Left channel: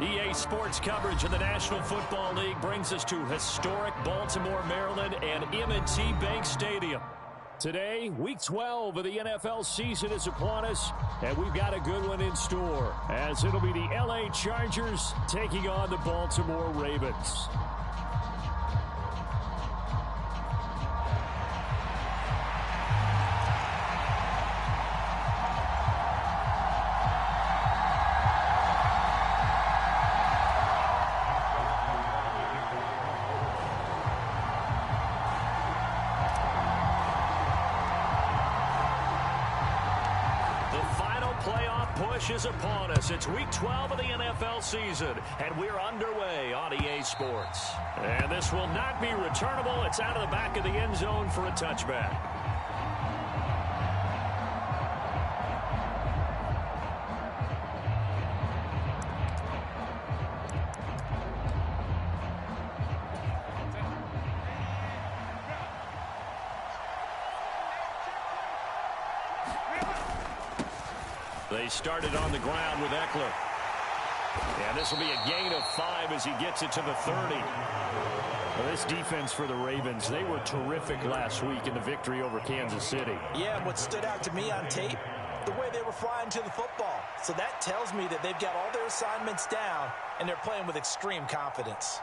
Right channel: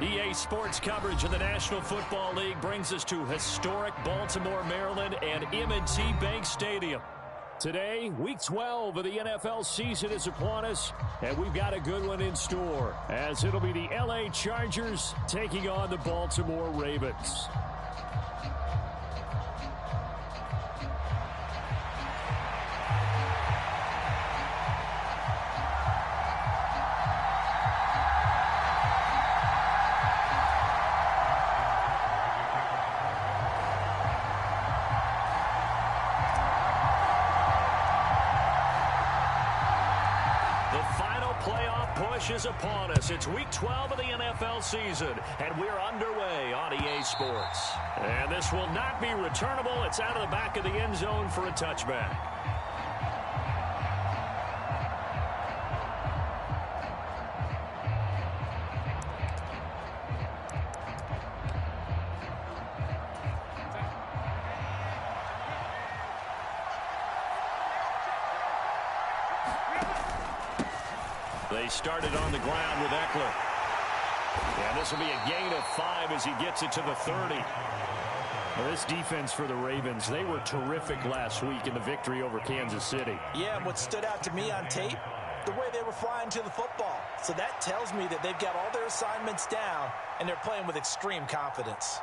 EA Sports coverage of the National Football League brings us to historic Baltimore, Maryland, and M&T Bank Stadium. Today, Week 12 of the NFL season is upon us, and we've got a good one in store, as it'll be the LA Chargers taking on the Baltimore Ravens. Is upon us. It's Week 12 of the NFL season, and we're underway on EA Sports. And this will not be returnable. It's out of the back of the end zone for a touchback. They started on the ground with Eckler. And this will be a gain of 5 as he gets it to the 30. Well, this defense for the Ravens, they were terrific last week in the victory over Kansas City. Yeah, and what stood out to me on tape, the way they were flying to the football. So that tells me that they've got all their assignments down, and they're playing with extreme confidence.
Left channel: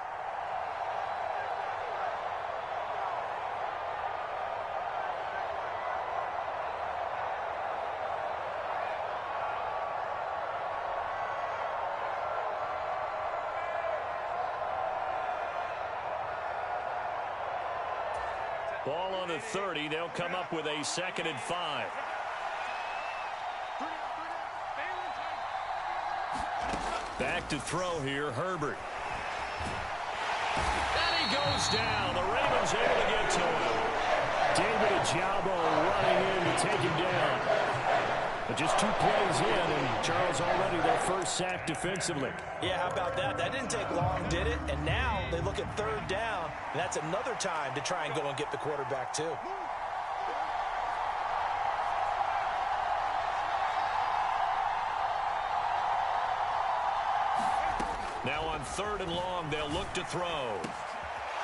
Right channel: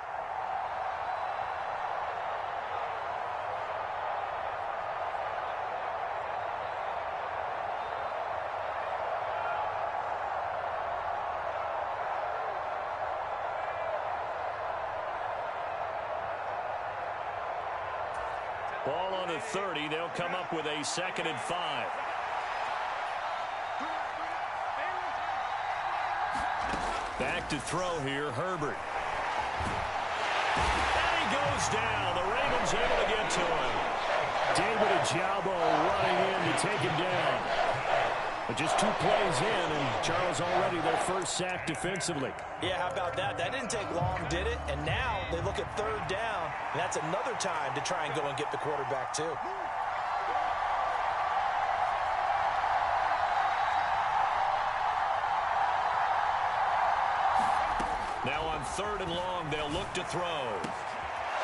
Ball on the 30. They'll come up with a 2nd and 5. Back to throw here, Herbert. And he goes down. The Ravens able to get to him. David Ojabo running in to take him down. But just 2 plays in, and Charles already their first sack defensively. Yeah, how about that? That didn't take long, did it? And now they look at 3rd down, and that's another time to try and go and get the quarterback too. Now on 3rd and long, they'll look to throw.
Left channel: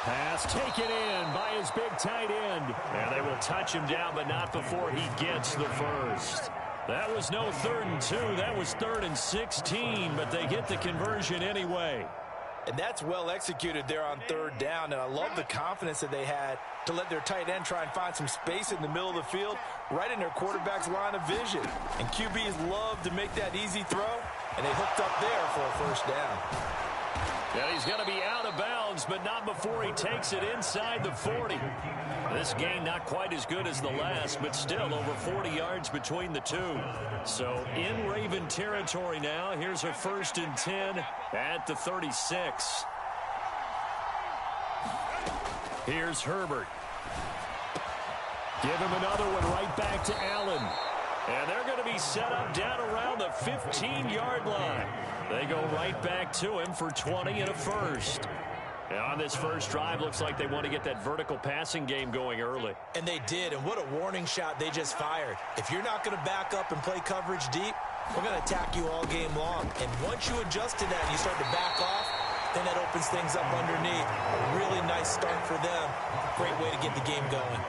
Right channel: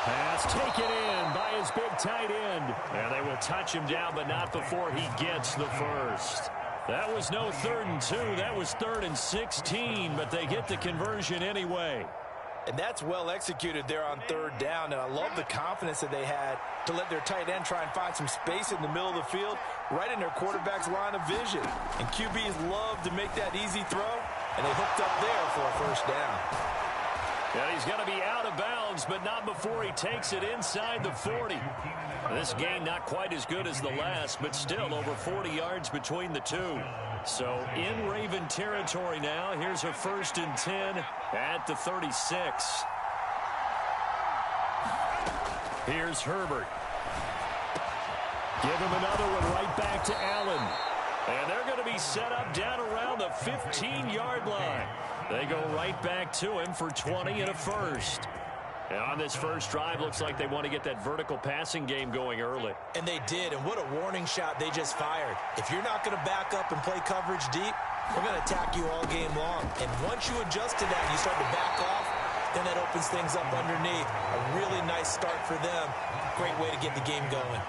Pass taken in by his big tight end. And they will touch him down, but not before he gets the first. That was no 3rd and 2. That was 3rd and 16, but they get the conversion anyway. And that's well executed there on 3rd down, and I love the confidence that they had to let their tight end try and find some space in the middle of the field, right in their quarterback's line of vision. And QBs love to make that easy throw, and they hooked up there for a 1st down. And he's going to be out of bounds, but not before he takes it inside the 40. This gain not quite as good as the last, but still over 40 yards between the two. So in Raven territory now. Here's a 1st and 10 at the 36. Here's Herbert. Give him another one right back to Allen. And they're going to be set up down around the 15-yard line. They go right back to him for 20 and a 1st. And on this first drive, looks like they want to get that vertical passing game going early. And they did, and what a warning shot they just fired. If you're not going to back up and play coverage deep, we're going to attack you all game long. And once you adjust to that and you start to back off, then that opens things up underneath. A really nice start for them. Great way to get the game going.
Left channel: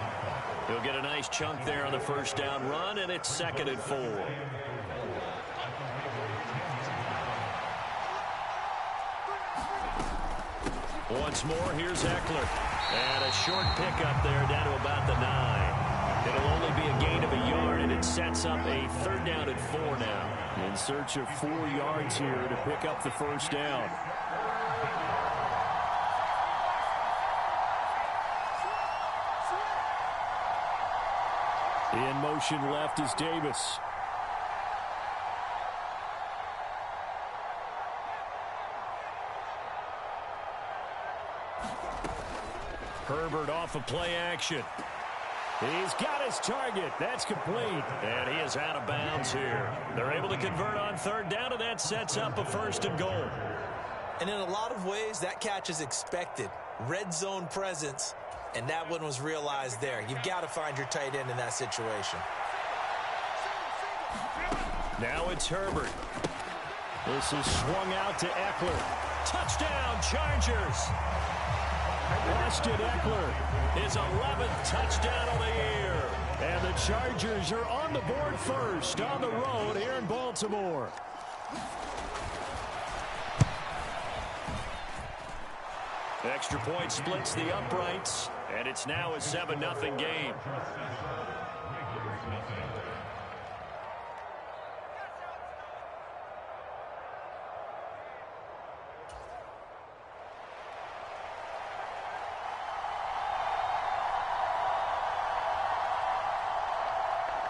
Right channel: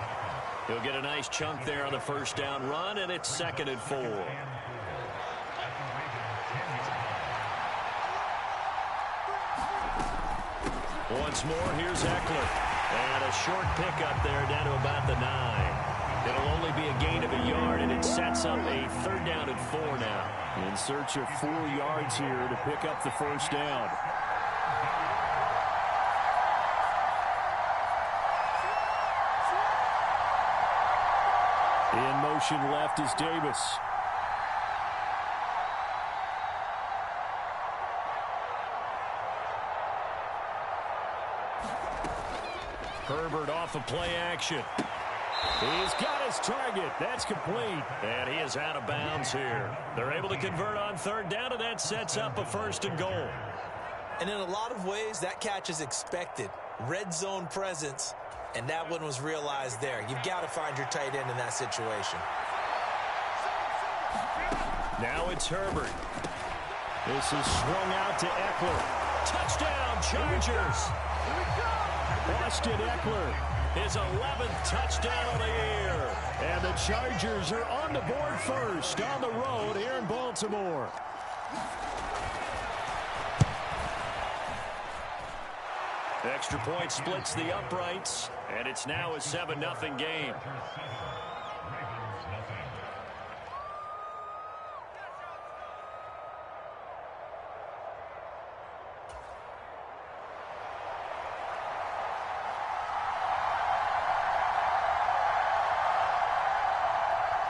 He'll get a nice chunk there on the 1st down run, and it's 2nd and 4. Once more, here's Eckler. And a short pickup there down to about the 9. It'll only be a gain of a yard, and it sets up a 3rd down and 4 now. In search of 4 yards here to pick up the 1st down. In motion left is Davis. Herbert off of play action. He's got his target. That's complete. And he is out of bounds here. They're able to convert on 3rd down, and that sets up a 1st and goal. And in a lot of ways, that catch is expected. Red zone presence. And that one was realized there. You've got to find your tight end in that situation. Now it's Herbert. This is swung out to Eckler. Touchdown, Chargers. Austin Eckler, his 11th touchdown of the year. And the Chargers are on the board first on the road here in Baltimore. Extra point splits the uprights, and it's now a 7-0 game.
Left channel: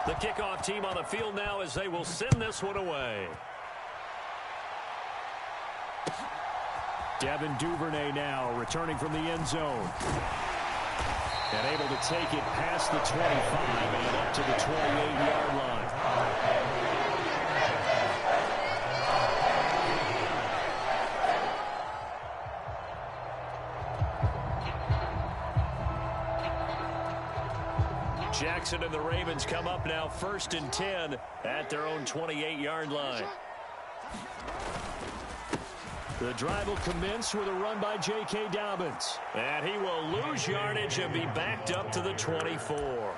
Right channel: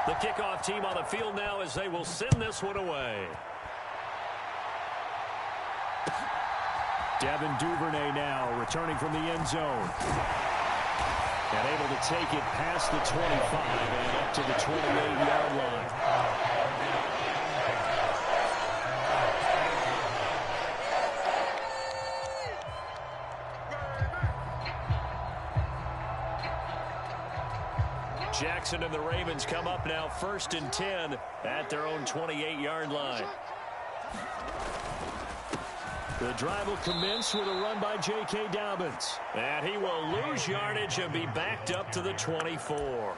The kickoff team on the field now as they will send this one away. Devin Duvernay now returning from the end zone. And able to take it past the 25 and up to the 28-yard line. Jackson and the Ravens come up now 1st and 10 at their own 28-yard line. The drive will commence with a run by J.K. Dobbins. And he will lose yardage and be backed up to the 24.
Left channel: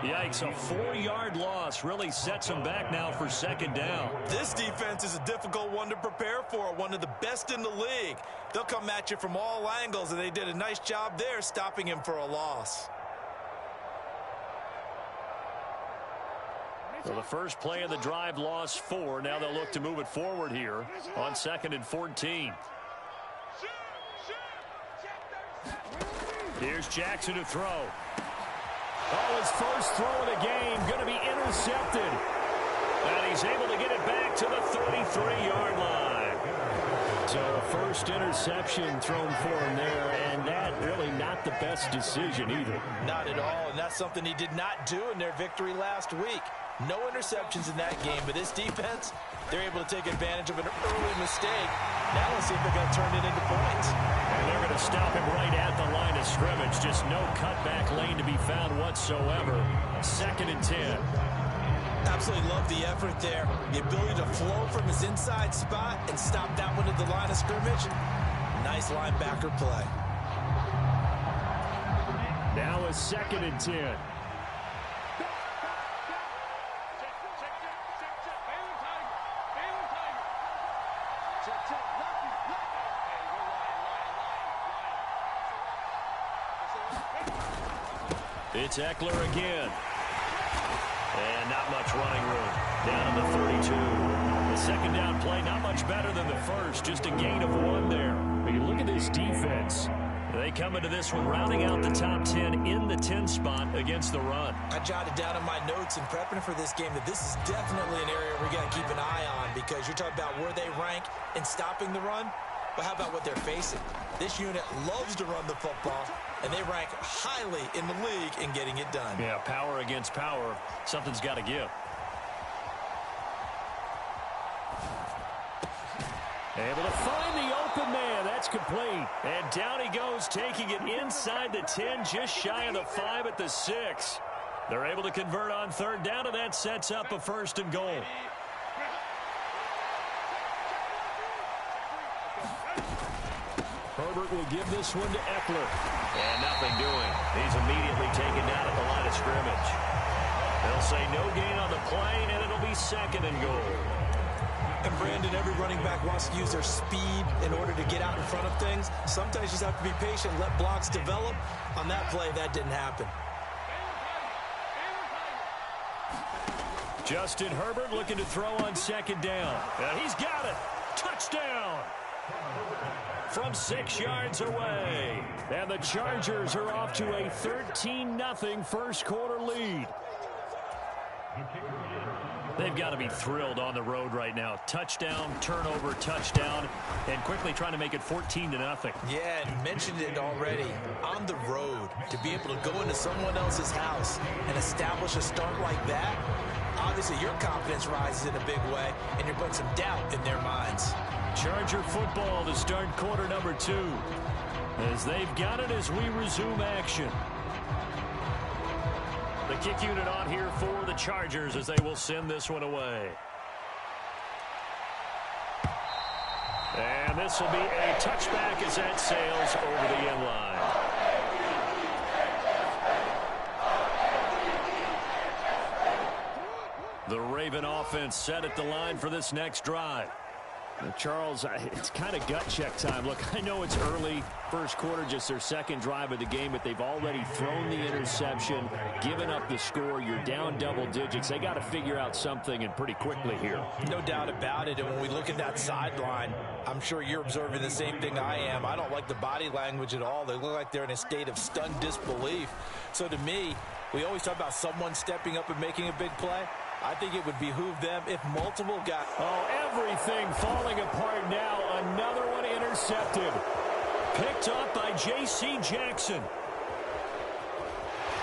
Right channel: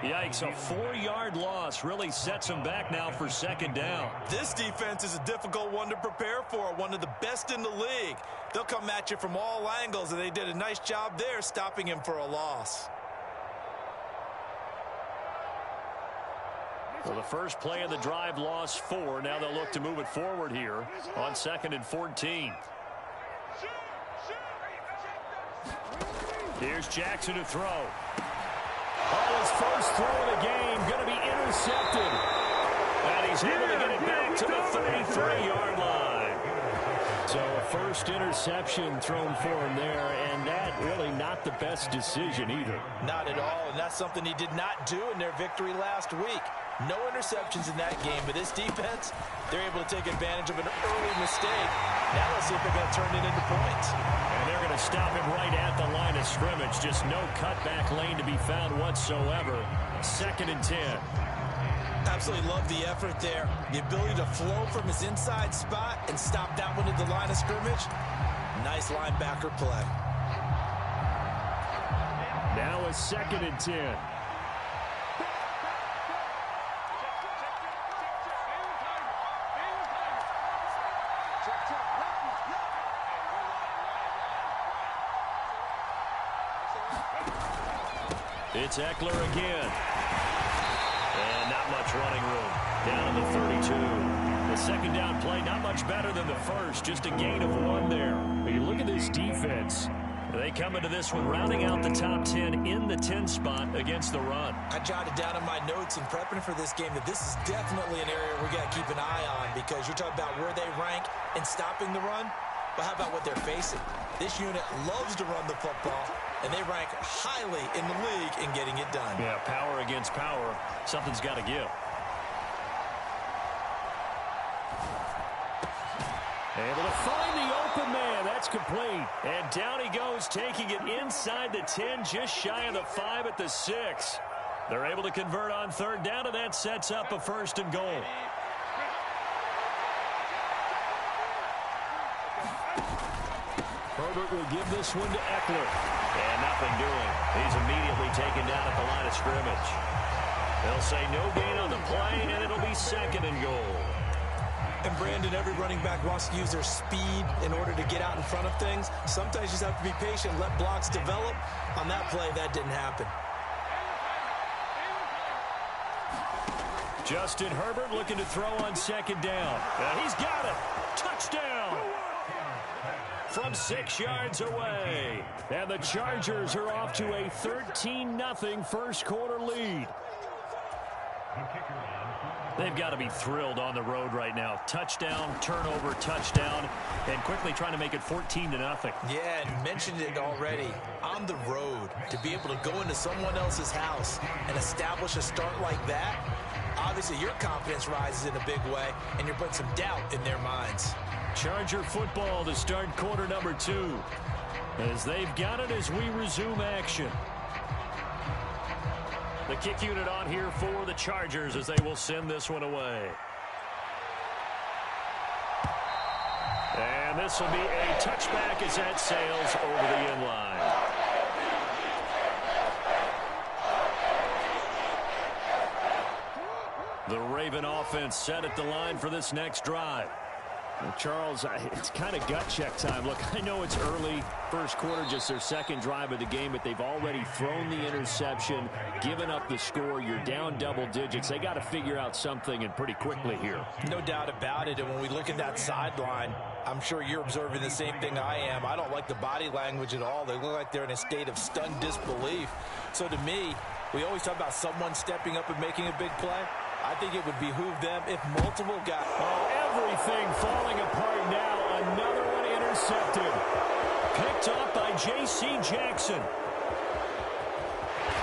Yikes, a 4-yard loss really sets him back now for 2nd down. This defense is a difficult one to prepare for, one of the best in the league. They'll come at you from all angles, and they did a nice job there stopping him for a loss. So the first play of the drive lost 4. Now they'll look to move it forward here on 2nd and 14. Here's Jackson to throw. Oh, his first throw of the game going to be intercepted. And he's able to get it back to the 33-yard line. So a first interception thrown for him there, and that really not the best decision either. Not at all, and that's something he did not do in their victory last week. No interceptions in that game, but this defense, they're able to take advantage of an early mistake. Now let's see if they're going to turn it into points. And they're going to stop him right at the line of scrimmage. Just no cutback lane to be found whatsoever. 2nd and 10. Absolutely love the effort there. The ability to flow from his inside spot and stop that one at the line of scrimmage. Nice linebacker play. Now a 2nd and 10. It's Eckler again. And not much running room. Down to the 32. The 2nd down play, not much better than the first. Just a gain of 1 there. But you look at this defense. They come into this one rounding out the top 10 in the 10 spot against the run. I jotted down in my notes in prepping for this game that this is definitely an area we got to keep an eye on, because you're talking about where they rank in stopping the run. But how about what they're facing? This unit loves to run the football, and they rank highly in the league in getting it done. Yeah, power against power. Something's got to give. Able to find the open man. That's complete. And down he goes, taking it inside the 10, just shy of the 5 at the 6. They're able to convert on 3rd down, and that sets up a 1st and goal. Herbert will give this one to Eckler. And nothing doing. He's immediately taken down at the line of scrimmage. They'll say no gain on the play, and it'll be 2nd and goal. And Brandon, every running back wants to use their speed in order to get out in front of things. Sometimes you just have to be patient, let blocks develop. On that play, that didn't happen. Justin Herbert looking to throw on 2nd down. And he's got it. Touchdown. From 6 yards away. And the Chargers are off to a 13-0 first quarter lead. They've got to be thrilled on the road right now. Touchdown, turnover, touchdown, and quickly trying to make it 14-0. Yeah, and mentioned it already. On the road, to be able to go into someone else's house and establish a start like that, obviously your confidence rises in a big way, and you're putting some doubt in their minds. Charger football to start quarter number 2. As they've got it as we resume action. The kick unit on here for the Chargers as they will send this one away. And this will be a touchback as that sails over the end line. The Raven offense set at the line for this next drive. Well, Charles, it's kind of gut check time. Look, I know it's early, first quarter, just their second drive of the game, but they've already thrown the interception, given up the score. You're down double digits. They got to figure out something, and pretty quickly here. No doubt about it, and when we look at that sideline, I'm sure you're observing the same thing I am. I don't like the body language at all. They look like they're in a state of stunned disbelief. So to me, we always talk about someone stepping up and making a big play. I think it would behoove them if multiple guys... Oh, everything falling apart now. Another one intercepted. Picked up by J.C. Jackson.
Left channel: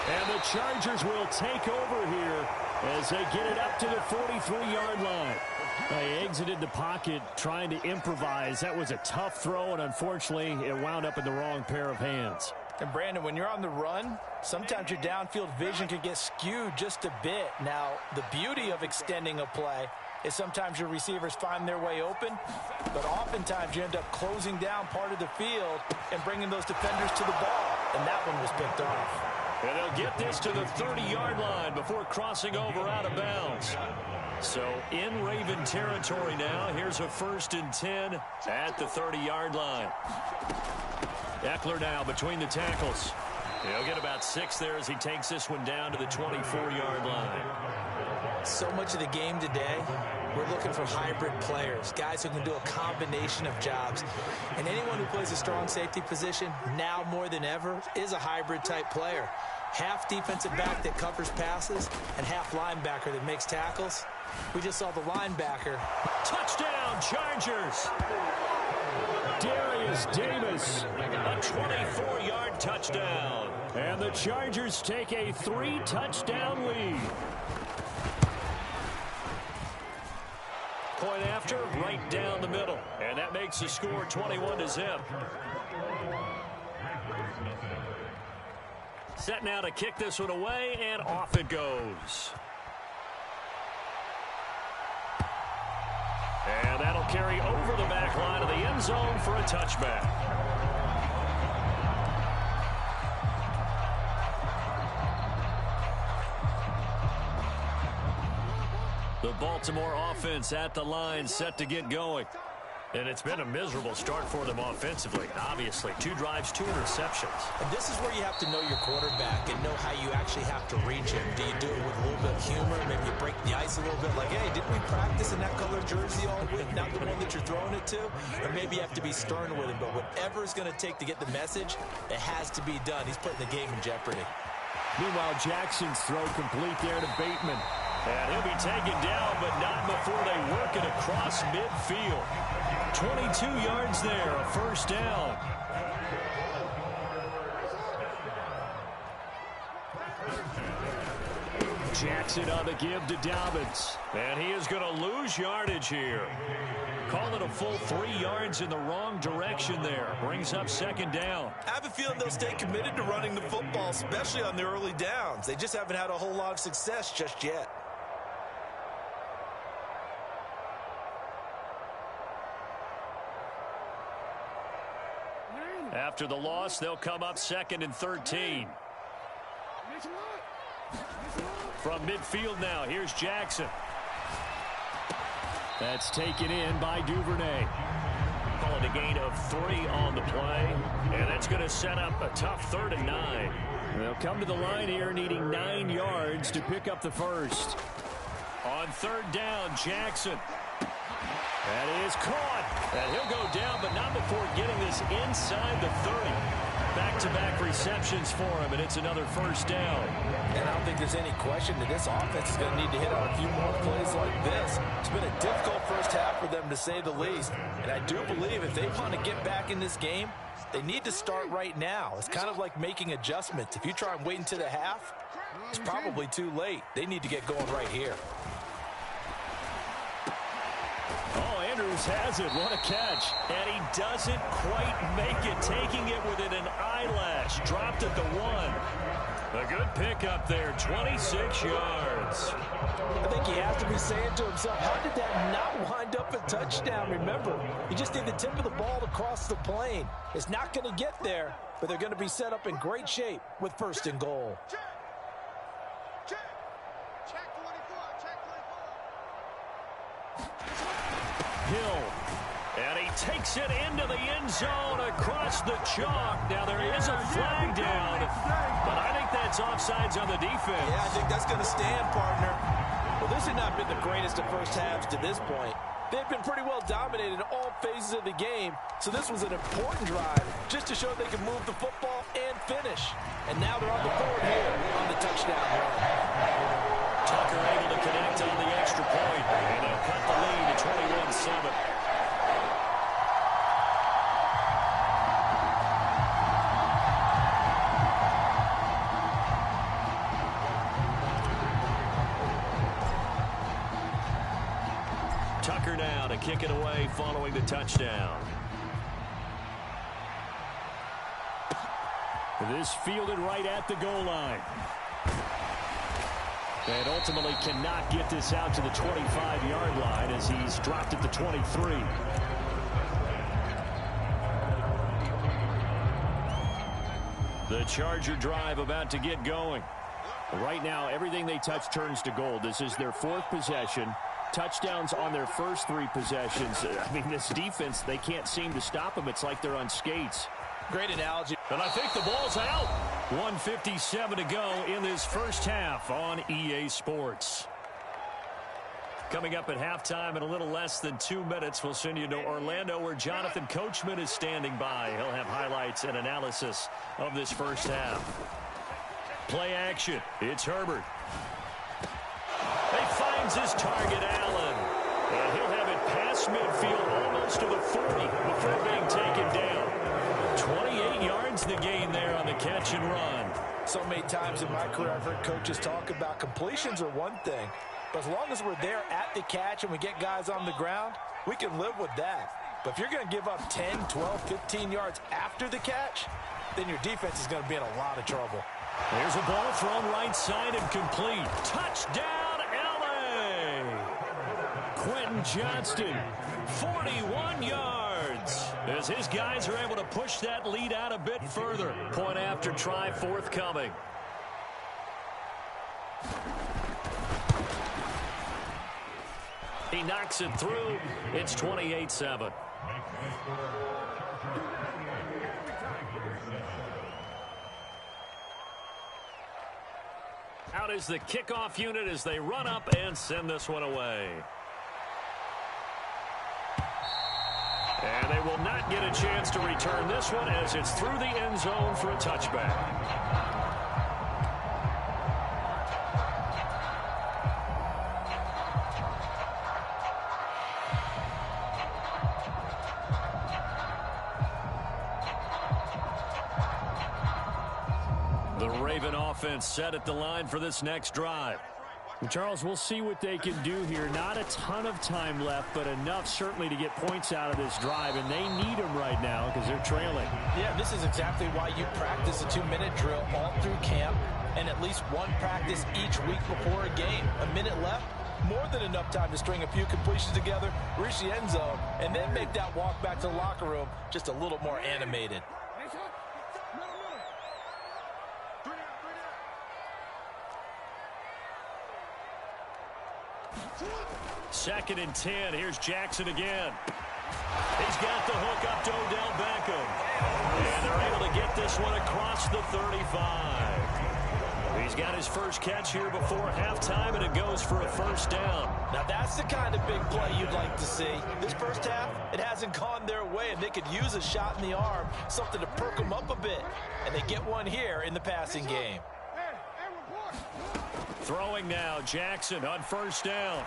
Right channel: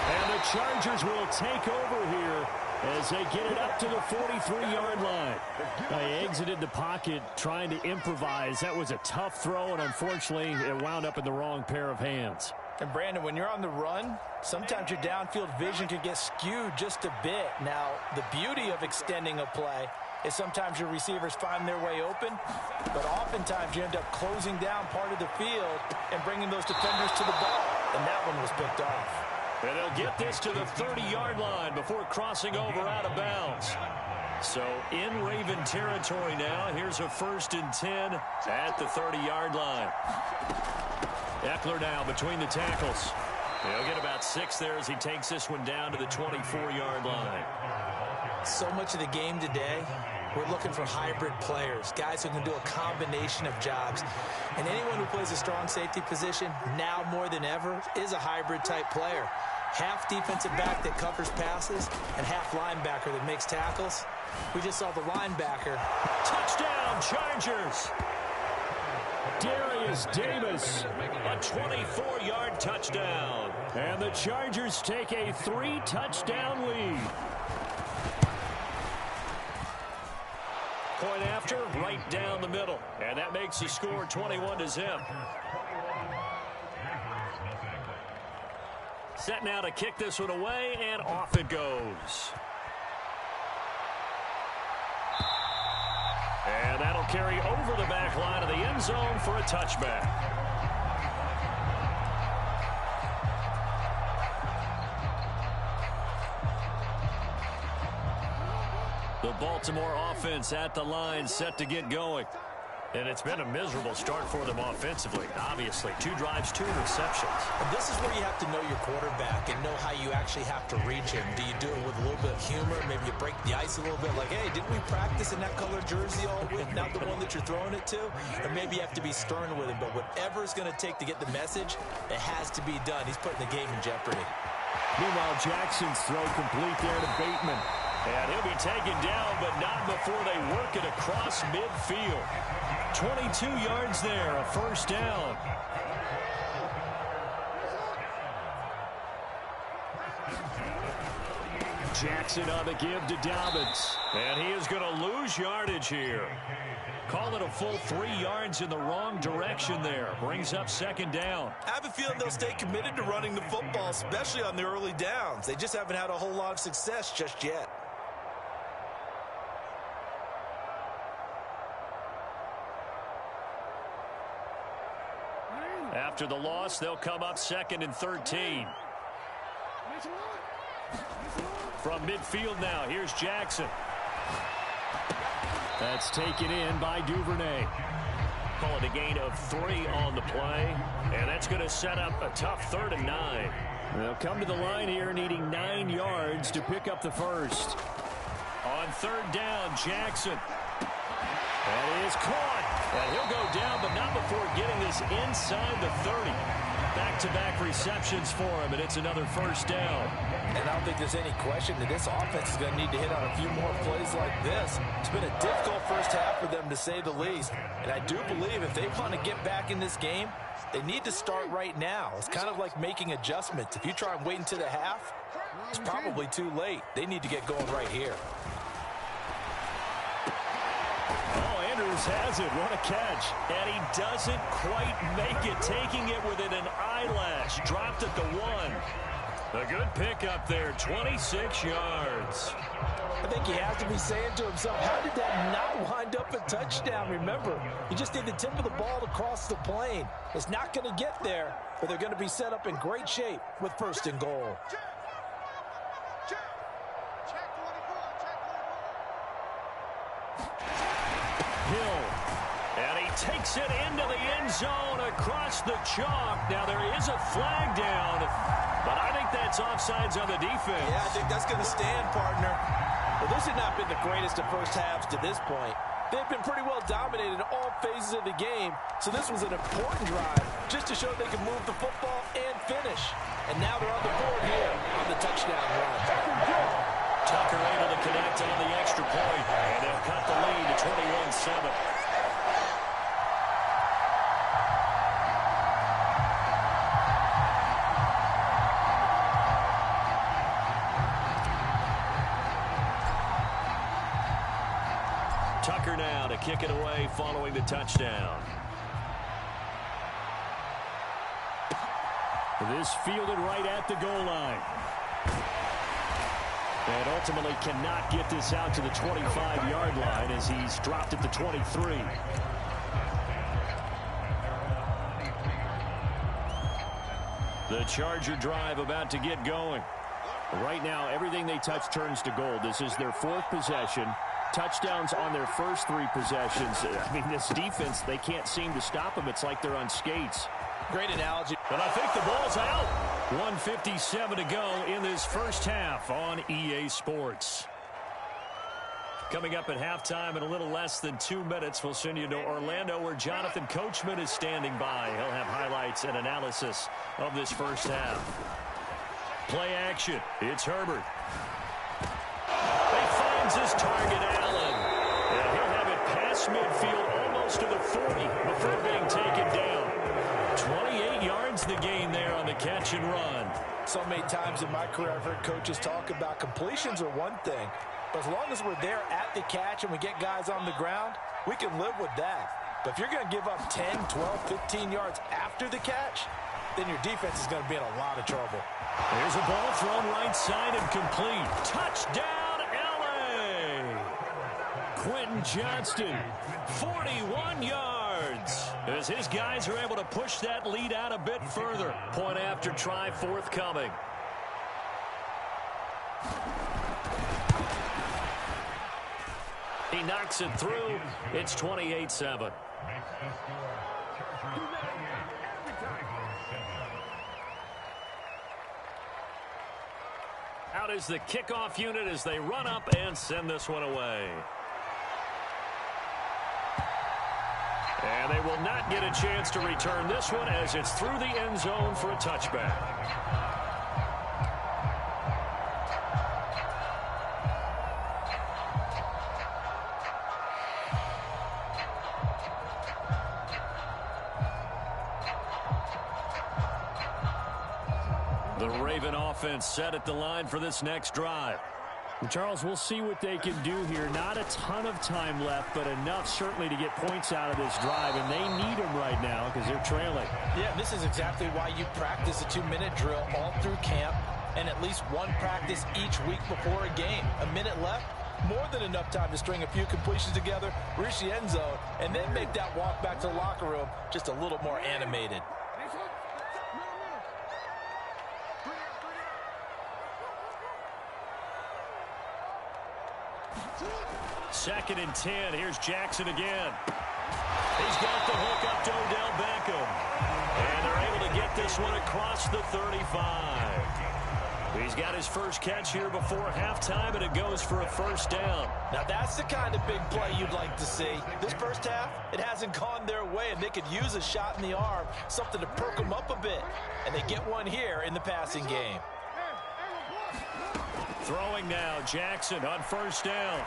And the Chargers will take over here as they get it up to the 43-yard line. They exited the pocket trying to improvise. That was a tough throw, and unfortunately, it wound up in the wrong pair of hands. And, Brandon, when you're on the run, sometimes your downfield vision can get skewed just a bit. Now, the beauty of extending a play is sometimes your receivers find their way open, but oftentimes you end up closing down part of the field and bringing those defenders to the ball, and that one was picked off. And they'll get this to the 30-yard line before crossing over out of bounds. So in Raven territory now, here's a 1st and 10 at the 30-yard line. Eckler now between the tackles. He'll get about 6 there as he takes this one down to the 24-yard line. So much of the game today, we're looking for hybrid players, guys who can do a combination of jobs. And anyone who plays a strong safety position, now more than ever, is a hybrid type player. Half defensive back that covers passes and half linebacker that makes tackles. We just saw the linebacker. Touchdown, Chargers! Darius Davis, a 24-yard touchdown. And the Chargers take a 3-touchdown lead. Point after, right down the middle. And that makes the score 21-0. Set now to kick this one away, and off it goes. And that'll carry over the back line of the end zone for a touchback. The Baltimore offense at the line, set to get going. And it's been a miserable start for them offensively. Obviously, 2 drives, 2 interceptions. And this is where you have to know your quarterback and know how you actually have to reach him. Do you do it with a little bit of humor? Maybe you break the ice a little bit, like, hey, didn't we practice in that color jersey all week, not the one that you're throwing it to? Or maybe you have to be stern with him. But whatever it's going to take to get the message, it has to be done. He's putting the game in jeopardy. Meanwhile, Jackson's throw complete there to Bateman. And he'll be taken down, but not before they work it across midfield. 22 yards there, a 1st down. Jackson on the give to Dobbins. And he is going to lose yardage here. Call it a full 3 yards in the wrong direction there. Brings up 2nd down. I have a feeling they'll stay committed to running the football, especially on the early downs. They just haven't had a whole lot of success just yet. After the loss, they'll come up 2nd and 13. From midfield now, here's Jackson. That's taken in by Duvernay. Call it a gain of 3 on the play, and that's going to set up a tough 3rd and 9. They'll come to the line here needing 9 yards to pick up the first. On 3rd down, Jackson. That is caught. And he'll go down, but not before getting this inside the 30. Back-to-back receptions for him, and it's another 1st down. And I don't think there's any question that this offense is going to need to hit on a few more plays like this. It's been a difficult first half for them, to say the least. And I do believe if they want to get back in this game, they need to start right now. It's kind of like making adjustments. If you try and wait until the half, it's probably too late. They need to get going right here. Oh, Andrews has it. What a catch. And he doesn't quite make it, taking it within an eyelash. Dropped at the 1. A good pickup there, 26 yards. I think he has to be saying to himself, how did that not wind up a touchdown? Remember, you just need the tip of the ball to cross the plane. It's not going to get there, but they're going to be set up in great shape with 1st and goal. Hill. And he takes it into the end zone across the chalk. Now there is a flag down, but I think that's offsides on the defense. Yeah, I think that's going to stand, partner. Well, this has not been the greatest of first halves to this point. They've been pretty well dominated in all phases of the game, so this was an important drive just to show they can move the football and finish. And now they're on the board here on the touchdown run. Tucker able to connect on the extra point, and they'll cut the lead to 21-7. Tucker now to kick it away following the touchdown. This fielded right at the goal line. And ultimately cannot get this out to the 25-yard line as he's dropped at the 23. The Charger drive about to get going. Right now, everything they touch turns to gold. This is their 4th possession. Touchdowns on their first 3 possessions. I mean, this defense, they can't seem to stop them. It's like they're on skates. Great analogy. And I think the ball's out. 1:57 to go in this first half on EA Sports. Coming up at halftime in a little less than 2 minutes, we'll send you to Orlando where Jonathan Coachman is standing by. He'll have highlights and analysis of this first half. Play action. It's Herbert. He finds his target, Allen. And he'll have it past midfield almost to the 40 before being taken down. 28 yards the gain there on the catch and run. So many times in my career I've heard coaches talk about completions are one thing, but as long as we're there at the catch and we get guys on the ground, we can live with that. But if you're going to give up 10, 12, 15 yards after the catch, then your defense is going to be in a lot of trouble. There's a ball thrown right side and complete. Touchdown, L.A. Quentin Johnston, 41 yards. As his guys are able to push that lead out a bit further. Point after try forthcoming. He knocks it through. It's 28-7. Out is the kickoff unit as they run up and send this one away. And they will not get a chance to return this one as it's through the end zone for a touchback. The Raven offense set at the line for this next drive. And Charles, we'll see what they can do here. Not a ton of time left, but enough certainly to get points out of this drive, and they need them right now because they're trailing. Yeah, this is exactly why you practice a 2-minute drill all through camp and at least one practice each week before a game. A minute left, more than enough time to string a few completions together, reach the end zone, and then make that walk back to the locker room just a little more animated. Second and 10. Here's Jackson again. He's got the hook up to Odell Beckham. And they're able to get this one across the 35. He's got his first catch here before halftime, and it goes for a first down. Now that's the kind of big play you'd like to see. This first half, it hasn't gone their way, and they could use a shot in the arm, something to perk them up a bit. And they get one here in the passing game. Throwing now, Jackson on first down.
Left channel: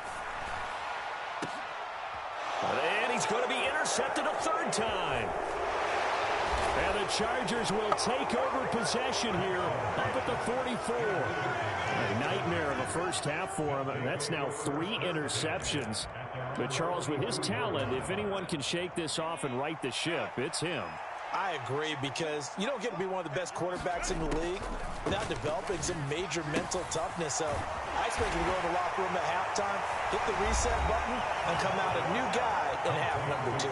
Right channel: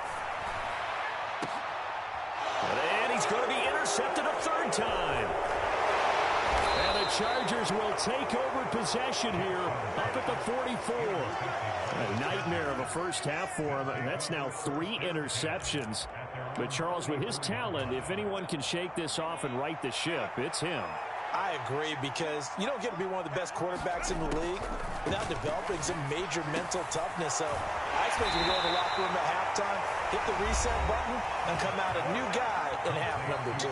And he's going to be intercepted a third time. And the Chargers will take over possession here up at the 44. A nightmare of a first half for him. That's now 3 interceptions. But Charles, with his talent, if anyone can shake this off and right the ship, it's him. I agree, because you don't get to be one of the best quarterbacks in the league without developing some major mental toughness. So I expect you to go in the locker room at halftime, hit the reset button, and come out a new guy in half number 2.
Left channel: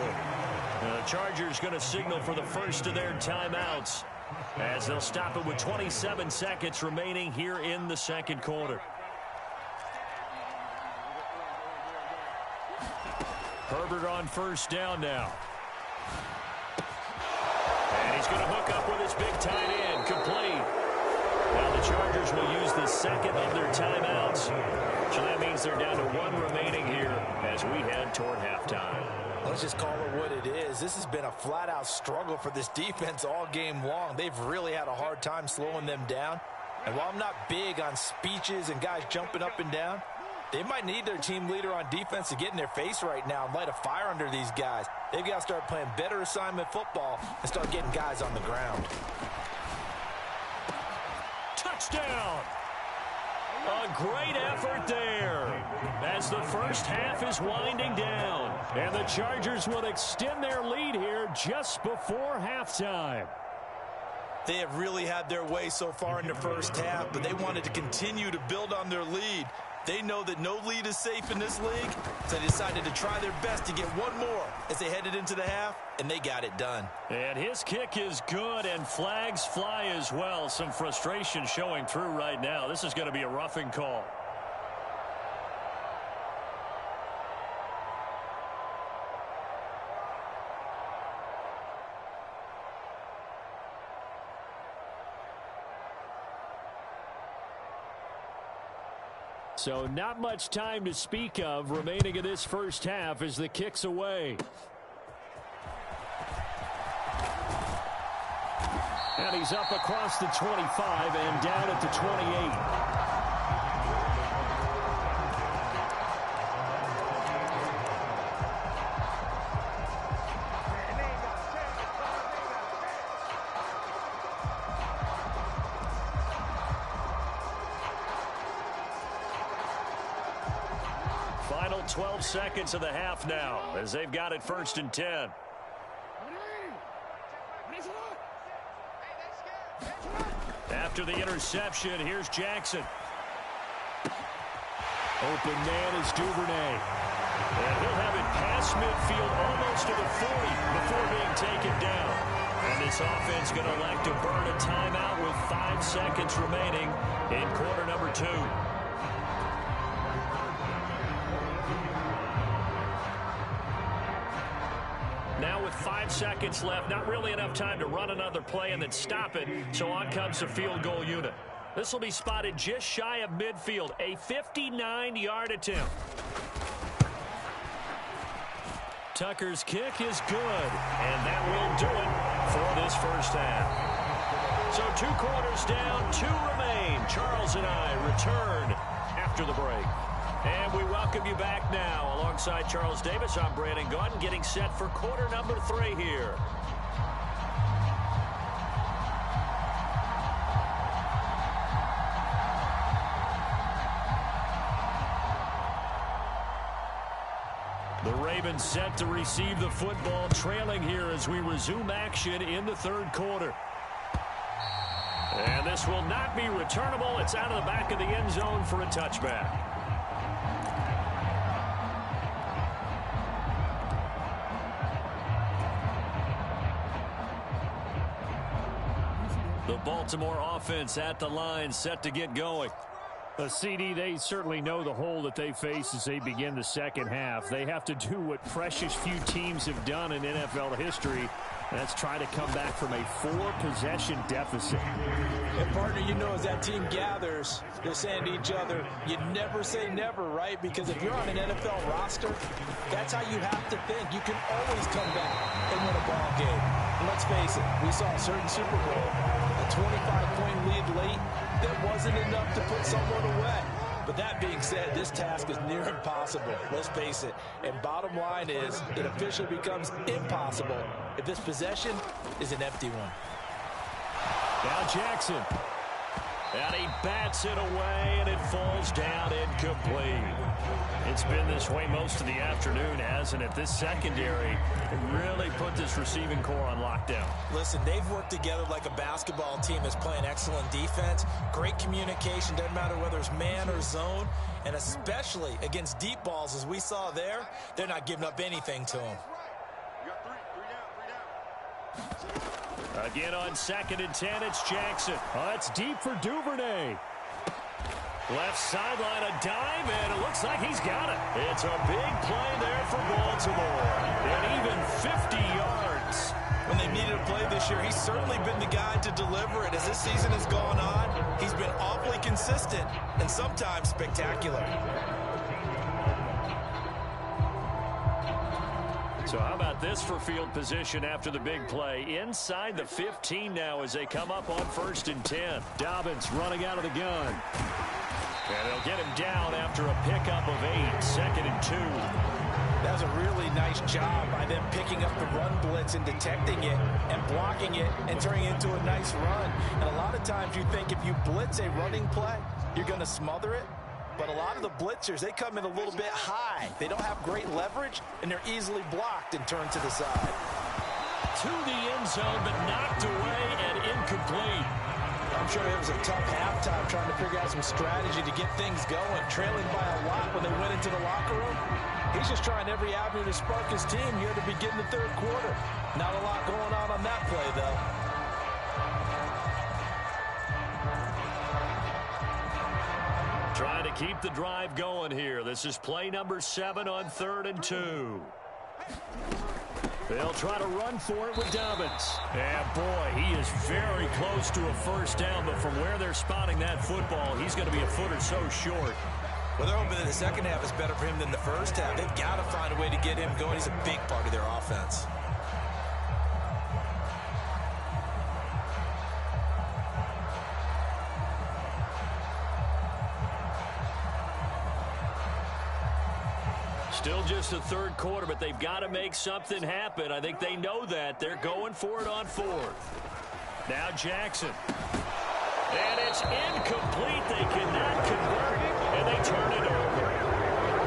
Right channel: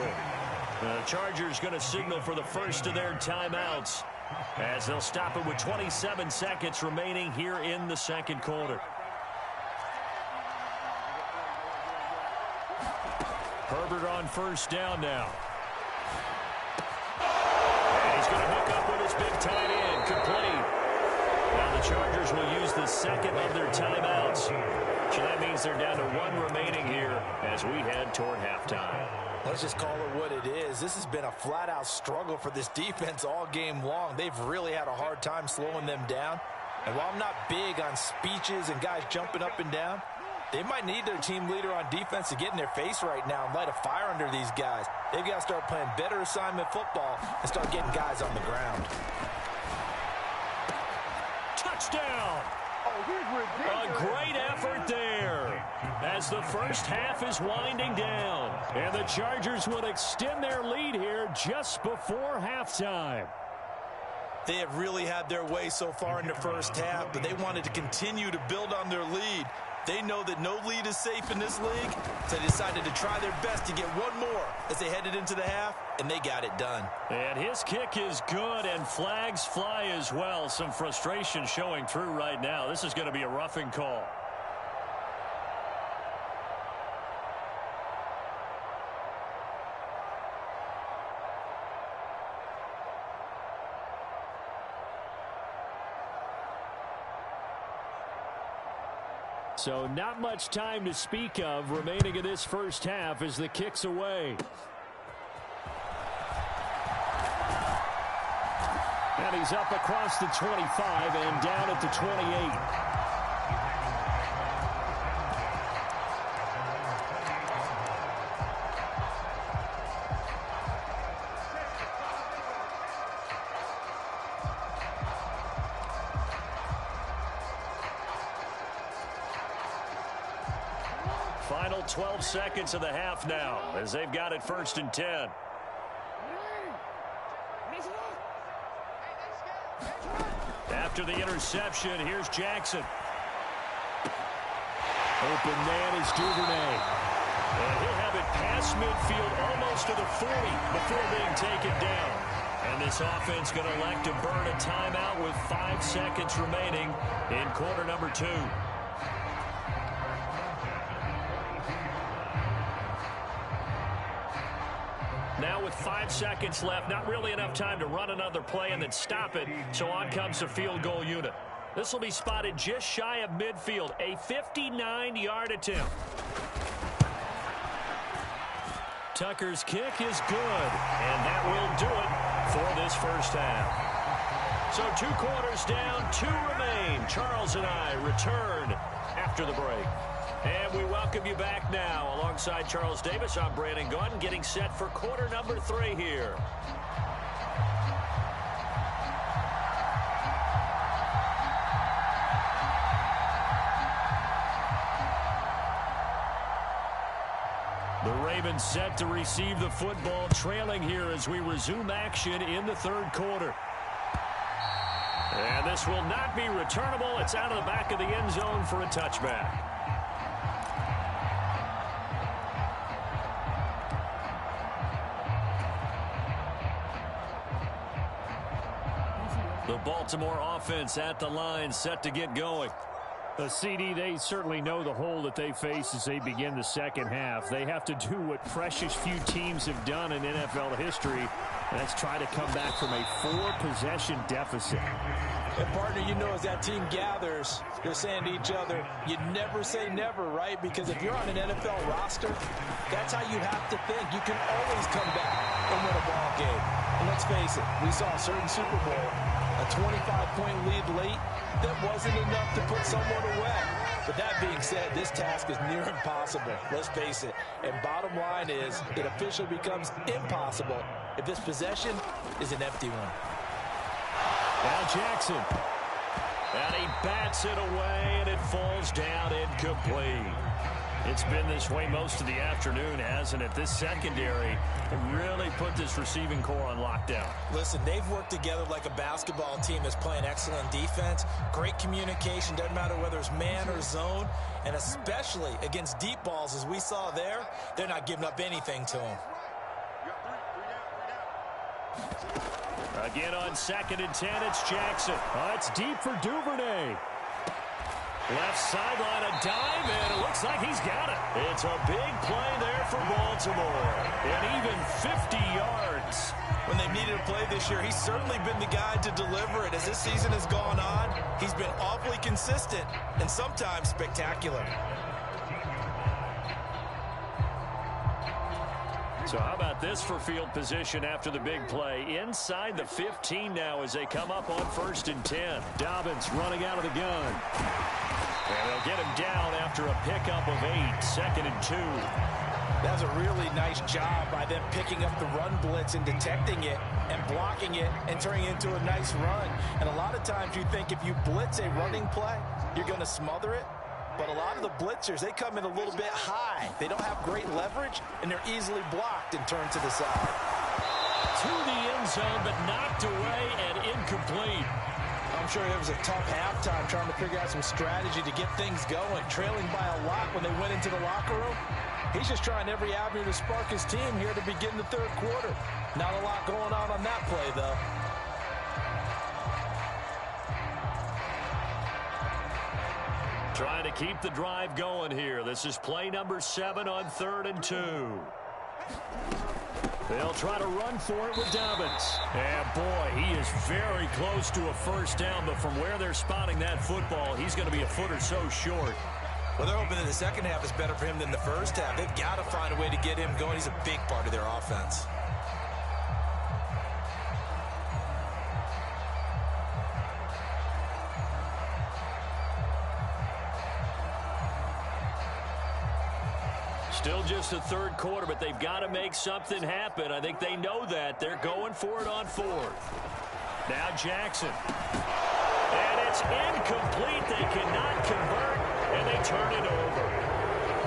The Chargers going to signal for the first of their timeouts as they'll stop it with 27 seconds remaining here in the second quarter. Herbert on first down now. And he's going to hook up with his big tight end, complete. Now the Chargers will use the second of their timeouts. So that means they're down to 1 remaining here as we head toward halftime. Let's just call it what it is. This has been a flat-out struggle for this defense all game long. They've really had a hard time slowing them down. And while I'm not big on speeches and guys jumping up and down, they might need their team leader on defense to get in their face right now and light a fire under these guys. They've got to start playing better assignment football and start getting guys on the ground. Touchdown! A great effort there as the first half is winding down. And the Chargers will extend their lead here just before halftime. They have really had their way so far in the first half, but they wanted to continue to build on their lead. They know that no lead is safe in this league, so they decided to try their best to get one more as they headed into the half, and they got it done. And his kick is good, and flags fly as well. Some frustration showing through right now. This is going to be a roughing call. So not much time to speak of remaining in this first half as the kick's away. And he's up across the 25 and down at the 28. Final 12 seconds of the half now as they've got it 1st and 10. After the interception, here's Jackson. Open man is Duvernay. And he'll have it past midfield almost to the 40 before being taken down. And this offense going to elect to burn a timeout with 5 seconds remaining in quarter number 2. Now with 5 seconds left, not really enough time to run another play and then stop it, so on comes the field goal unit. This will be spotted just shy of midfield, a 59-yard attempt. Tucker's kick is good, and that will do it for this first half. So 2 quarters down, 2 remain. Charles and I return after the break. And we welcome you back now. Alongside Charles Davis, I'm Brandon Gaudin, getting set for quarter number 3 here. The Ravens set to receive the football, trailing here as we resume action in the 3rd quarter. And this will not be returnable. It's out of the back of the end zone for a touchback. The Baltimore offense at the line, set to get going. CD, they certainly know the hole that they face as they begin the second half. They have to do what precious few teams have done in NFL history, and that's try to come back from a 4-possession deficit. And partner, you know, as that team gathers, they're saying to each other, you never say never, right? Because if you're on an NFL roster, that's how you have to think. You can always come back and win a ball game. And let's face it, we saw a certain Super Bowl, a 25-point lead late, that wasn't enough to put someone away. But that being said, this task is near impossible. Let's face it. And bottom line is, it officially becomes impossible if this possession is an empty one. Now Jackson. And he bats it away, and it falls down incomplete. It's been this way most of the afternoon, hasn't it? This secondary really put this receiving core on lockdown. Listen, they've worked together like a basketball team that's playing excellent defense. Great communication, doesn't matter whether it's man or zone. And especially against deep balls, as we saw there, they're not giving up anything to them. Again on 2nd and 10, it's Jackson. It's deep for Duvernay. Left sideline, a dive, and it looks like he's got it. It's a big play there for Baltimore. And even 50 yards. When they've needed a play this year, he's certainly been the guy to deliver it. As this season has gone on, he's been awfully consistent and sometimes spectacular. So how about this for field position after the big play? Inside the 15 now as they come up on 1st and 10. Dobbins running out of the gun. And they'll get him down after a pickup of 8, 2nd and 2. That's a really nice job by them picking up the run blitz and detecting it and blocking it and turning it into a nice run. And a lot of times you think if you blitz a running play, you're going to smother it. But a lot of the blitzers, they come in a little bit high. They don't have great leverage, and they're easily blocked and turned to the side. To the end zone, but knocked away and incomplete. I'm sure it was a tough halftime trying to figure out some strategy to get things going, trailing by a lot when they went into the locker room. He's just trying every avenue to spark his team here to begin the 3rd quarter. Not a lot going on that play, though. Trying to keep the drive going here. This is play number 7 on 3rd and 2. They'll try to run for it with Dobbins. And boy, he is very close to a first down, but from where they're spotting that football, he's going to be a foot or so short. Well, they're hoping that the second half is better for him than the first half. They've got to find a way to get him going. He's a big part of their offense. Still just the 3rd quarter, but they've got to make something happen. I think they know that. They're going for it on 4th. Now Jackson. And it's incomplete. They cannot convert, and they turn it over.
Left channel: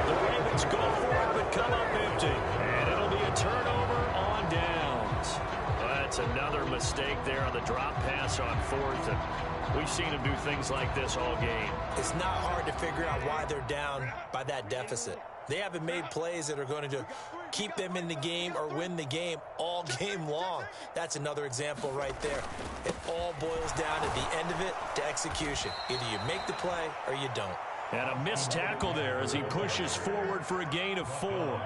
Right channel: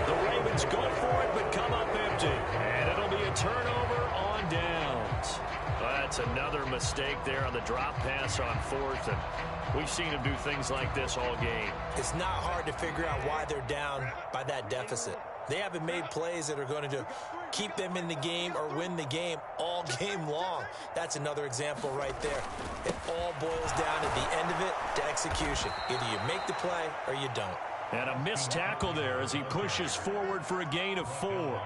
The Ravens go for it, but come up empty. And it'll be a turnover on downs. That's another mistake there on the drop pass on 4th, and we've seen him do things like this all game. It's not hard to figure out why they're down by that deficit. They haven't made plays that are going to keep them in the game or win the game all game long. That's another example right there. It all boils down at the end of it to execution. Either you make the play or you don't. And a missed tackle there as he pushes forward for a gain of 4.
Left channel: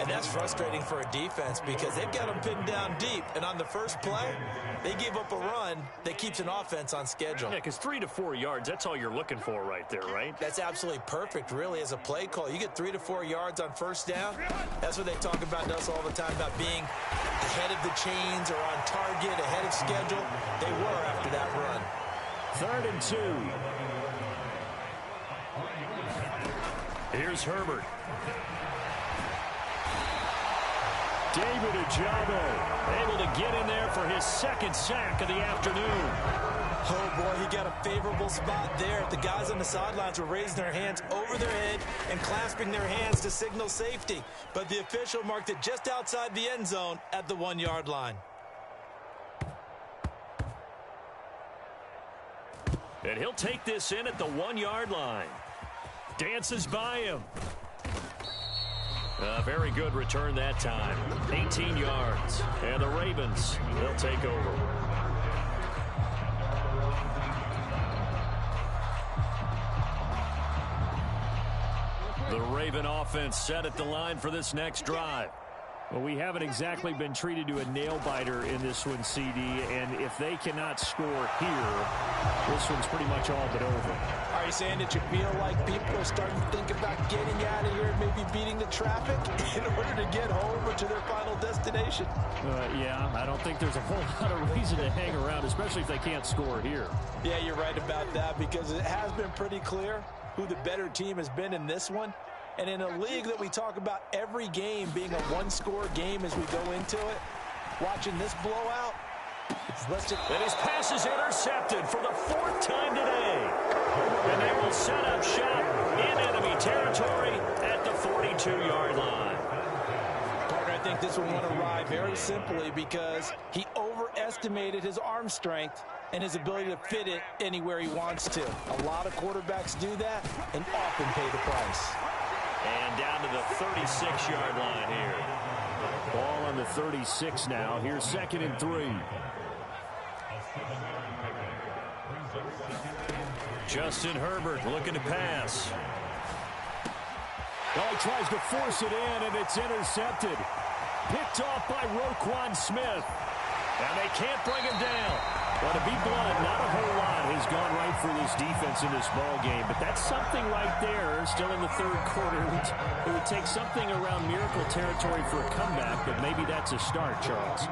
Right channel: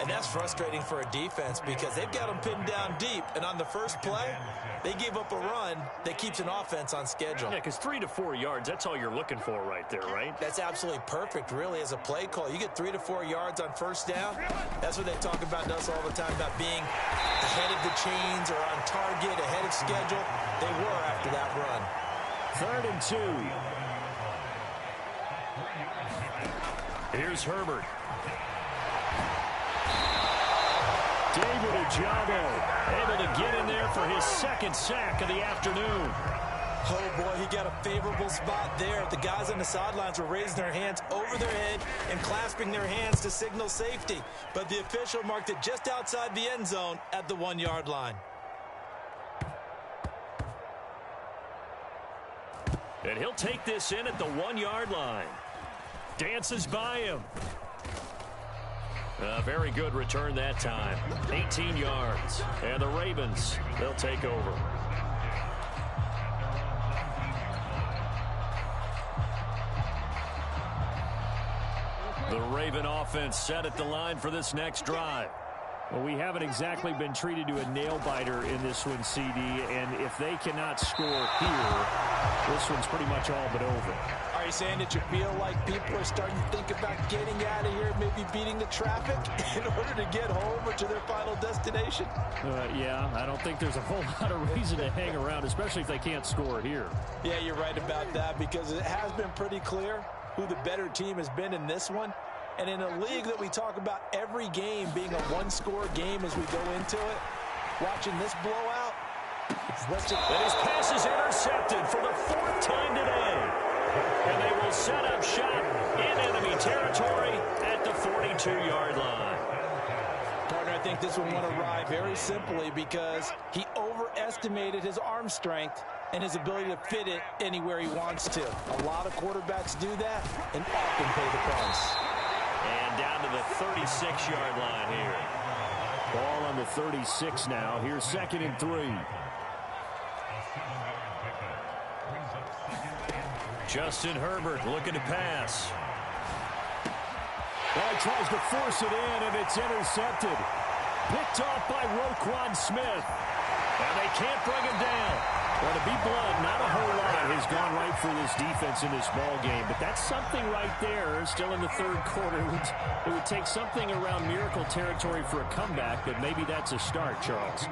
And that's frustrating for a defense because they've got them pinned down deep. And on the first play, they gave up a run that keeps an offense on schedule. Yeah, because 3 to 4 yards, that's all you're looking for right there, right? That's absolutely perfect, really, as a play call. You get 3 to 4 yards on first down. That's what they talk about to us all the time, about being ahead of the chains or on target, ahead of schedule. They were after that run. 3rd and 2. Here's Herbert. David Ojabo able to get in there for his 2nd sack of the afternoon. Oh, boy, he got a favorable spot there. The guys on the sidelines were raising their hands over their head and clasping their hands to signal safety. But the official marked it just outside the end zone at the 1-yard line. And he'll take this in at the 1-yard line. Dances by him. A very good return that time. 18 yards. And the Ravens, they'll take over. The Raven offense set at the line for this next drive. Well, we haven't exactly been treated to a nail-biter in this one, CD, and if they cannot score here, this one's pretty much all but over. Are you saying that you feel like people are starting to think about getting out of here, maybe beating the traffic in order to get home or to their final destination? Yeah, I don't think there's a whole lot of reason to hang around, especially if they can't score here. Yeah, you're right about that, because it has been pretty clear who the better team has been in this one. And in a league that we talk about every game being a one-score game as we go into it, watching this blowout, and his pass is intercepted for the 4th time today. And they will set up shop in enemy territory at the 42-yard line. Partner, I think this one went awry very simply because he overestimated his arm strength and his ability to fit it anywhere he wants to. A lot of quarterbacks do that and often pay the price. And down to the 36-yard line here. Ball on the 36 now. Here's 2nd and 3. Justin Herbert looking to pass. Well, he tries to force it in, and it's intercepted. Picked off by Roquan Smith. And they can't bring him down. Well, to be blunt, not a whole lot has gone right for this defense in this ball game, but that's something right there. Still in the 3rd quarter. It would take something around miracle territory for a comeback, but maybe that's a start, Charles.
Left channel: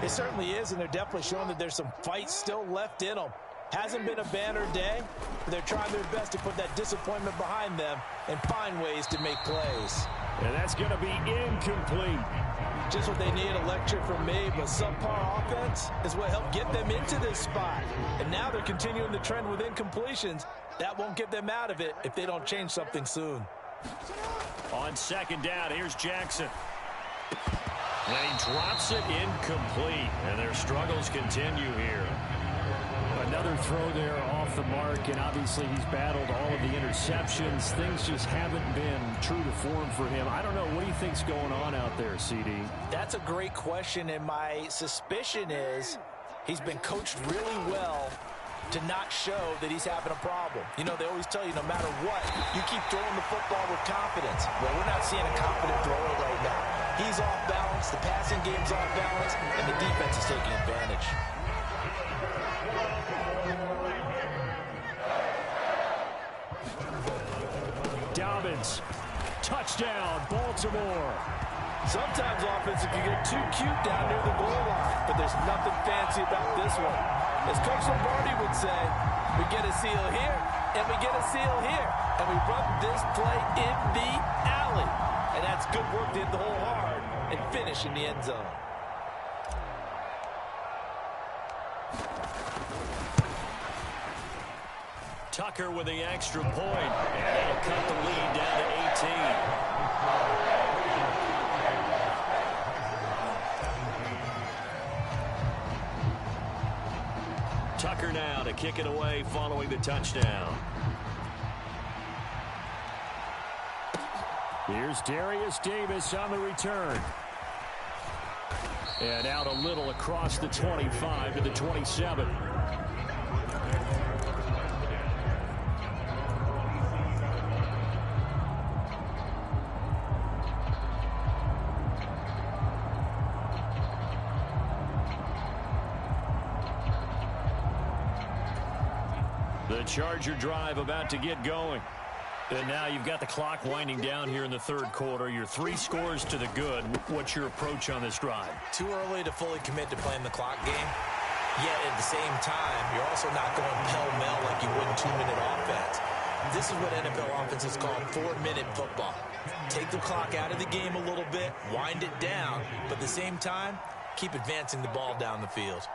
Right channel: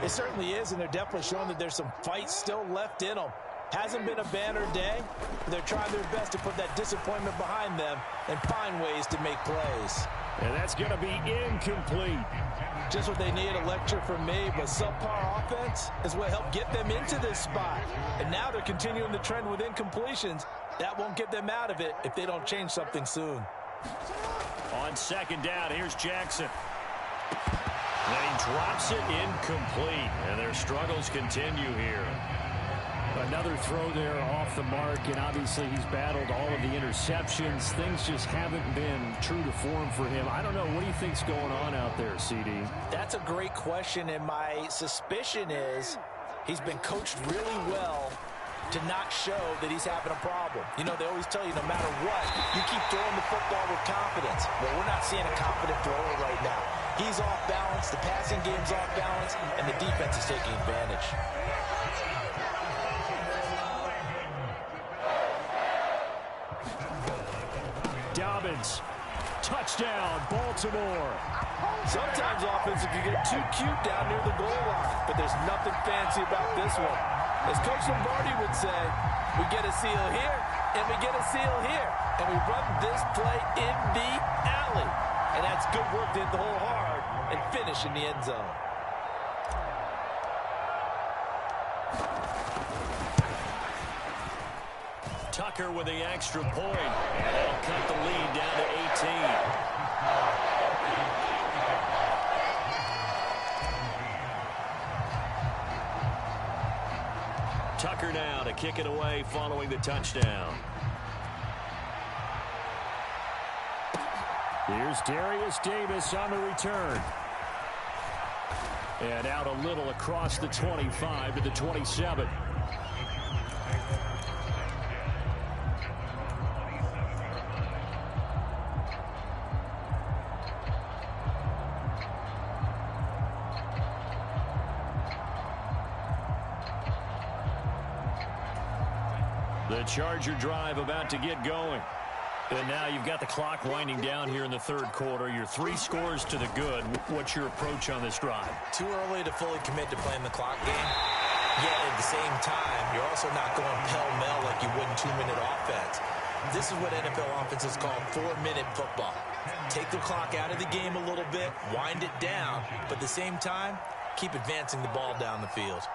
It certainly is, and they're definitely showing that there's some fight still left in them. Hasn't been a banner day, but they're trying their best to put that disappointment behind them and find ways to make plays. And that's going to be incomplete. Just what they need, a lecture from me, but subpar offense is what helped get them into this spot. And now they're continuing the trend with incompletions. That won't get them out of it if they don't change something soon. On 2nd down, here's Jackson. And he drops it incomplete, and their struggles continue here. Another throw there off the mark, and obviously he's battled all of the interceptions. Things just haven't been true to form for him. I don't know. What do you think's going on out there, CD? That's a great question, and my suspicion is he's been coached really well to not show that he's having a problem. You know, they always tell you no matter what, you keep throwing the football with confidence. Well, we're not seeing a confident thrower right now. He's off balance, the passing game's off balance, and the defense is taking advantage. Dobbins, touchdown, Baltimore. Sometimes offensive can get too cute down near the goal line, but there's nothing fancy about this one. As Coach Lombardi would say, we get a seal here, and we get a seal here, and we run this play in the alley. And that's good work to hit the hole hard and finish in the end zone. Tucker with the extra point, and that'll cut the lead down to 18. Tucker now to kick it away following the touchdown. Here's Darius Davis on the return. And out a little across the 25 to the 27. The Charger drive about to get going. And now you've got the clock winding down here in the 3rd quarter. You're 3 scores to the good. What's your approach on this drive? Too early to fully commit to playing the clock game. Yet at the same time, you're also not going pell-mell like you would in 2-minute offense. This is what NFL offenses call 4-minute football. Take the clock out of the game a little bit, wind it down, but at the same time, keep advancing the ball down the field.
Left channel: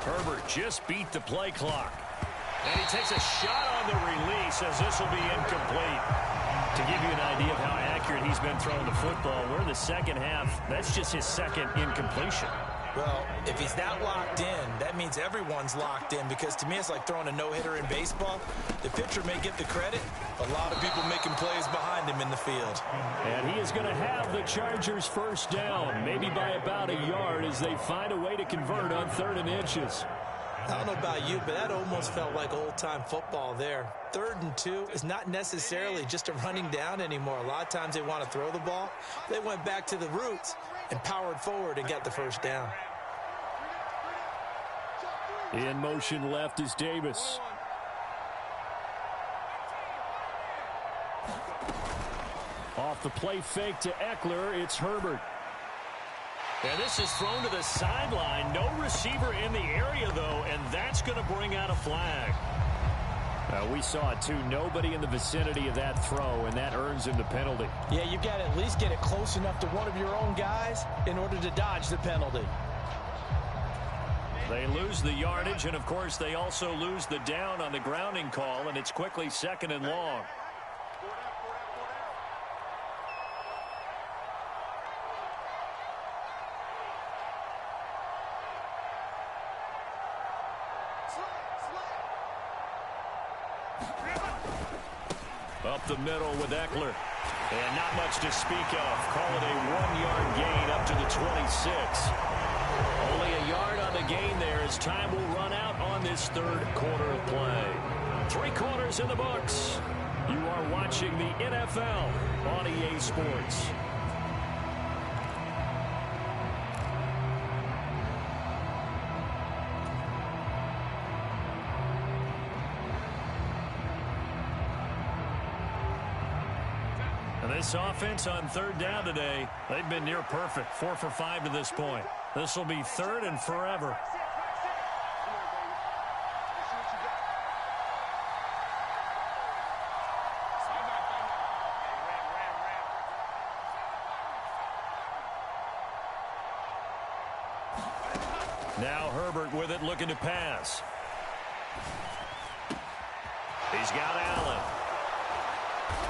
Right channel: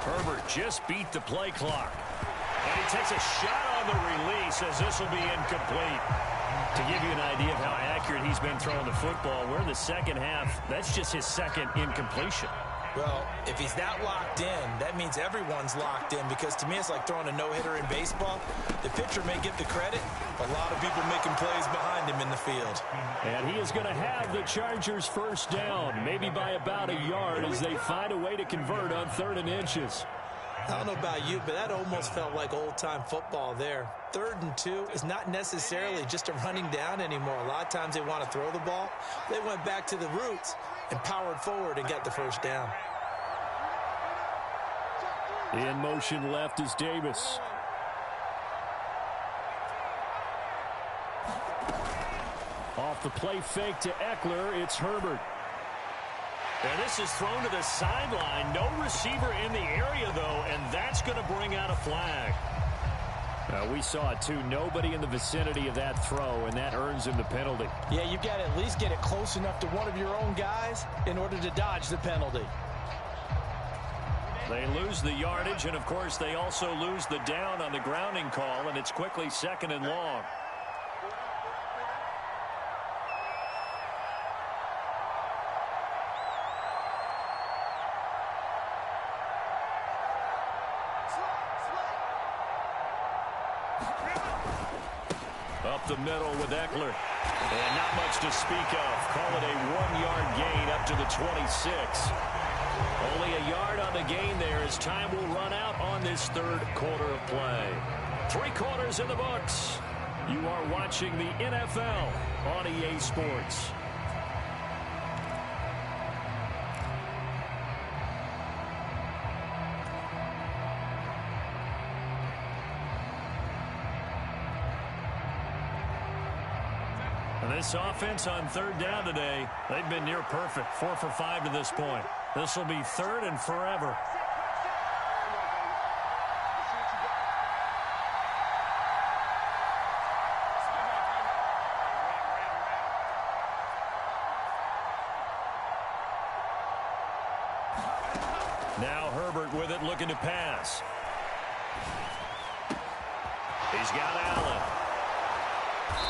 Herbert just beat the play clock. And he takes a shot on the release as this will be incomplete. To give you an idea of how accurate he's been throwing the football, we're in the 2nd half. That's just his 2nd incompletion. Well, if he's that locked in, that means everyone's locked in, because to me it's like throwing a no-hitter in baseball. The pitcher may get the credit, a lot of people making plays behind him in the field. And he is going to have the Chargers first down, maybe by about a yard, as they find a way to convert on 3rd and inches. I don't know about you, but that almost felt like old-time football there. 3rd and 2 is not necessarily just a running down anymore. A lot of times they want to throw the ball. They went back to the roots and powered forward and got the first down. In motion left is Davis. Off the play fake to Eckler, it's Herbert. And this is thrown to the sideline. No receiver in the area, though, and that's going to bring out a flag. We saw it, too. Nobody in the vicinity of that throw, and that earns him the penalty. Yeah, you've got to at least get it close enough to one of your own guys in order to dodge the penalty. They lose the yardage, and, of course, they also lose the down on the grounding call, and it's quickly 2nd and long. Up the middle with Eckler. And not much to speak of. Call it a 1-yard gain up to the 26. Only a yard on the gain there as time will run out on this third quarter of play. 3 quarters in the books. You are watching the NFL on EA Sports. And this offense on 3rd down today, they've been near perfect. 4 for 5 to this point. This will be 3rd and forever. Now Herbert with it, looking to pass. He's got Allen.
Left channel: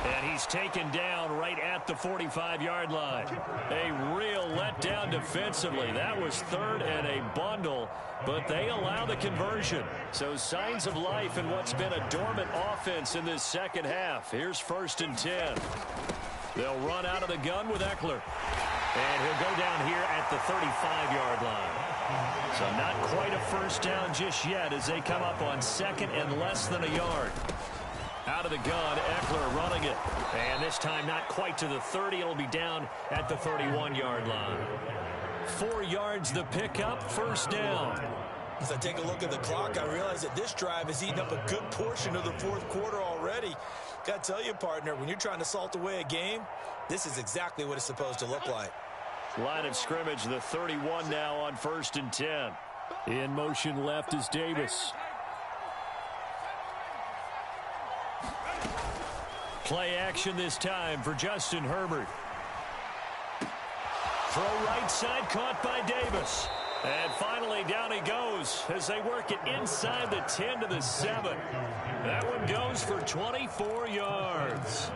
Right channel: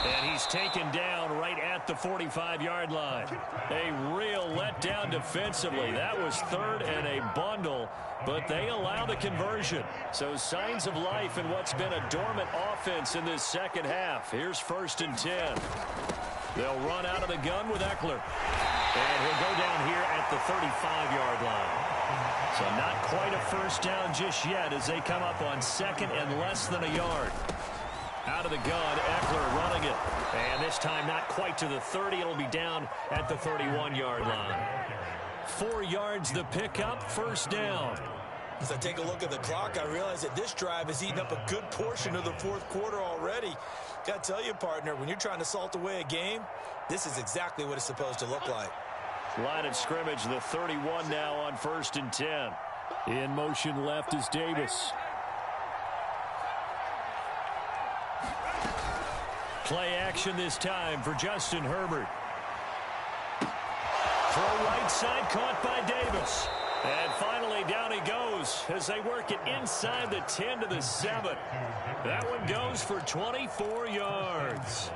And he's taken down right at the 45-yard line. A real letdown defensively. That was 3rd and a bundle, but they allow the conversion. So signs of life in what's been a dormant offense in this second half. Here's 1st and 10. They'll run out of the gun with Eckler. And he'll go down here at the 35-yard line. So not quite a first down just yet as they come up on 2nd and less than a yard. Out of the gun, Eckler running it. And this time not quite to the 30. It'll be down at the 31-yard line. 4 yards the pickup, 1st down. As I take a look at the clock, I realize that this drive has eaten up a good portion of the 4th quarter already. Got to tell you, partner, when you're trying to salt away a game, this is exactly what it's supposed to look like. Line of scrimmage, the 31 now on 1st and 10. In motion left is Davis. Play action this time for Justin Herbert. Throw right side, caught by Davis. And finally down he goes as they work it inside the 10 to the 7. That one goes for 24 yards.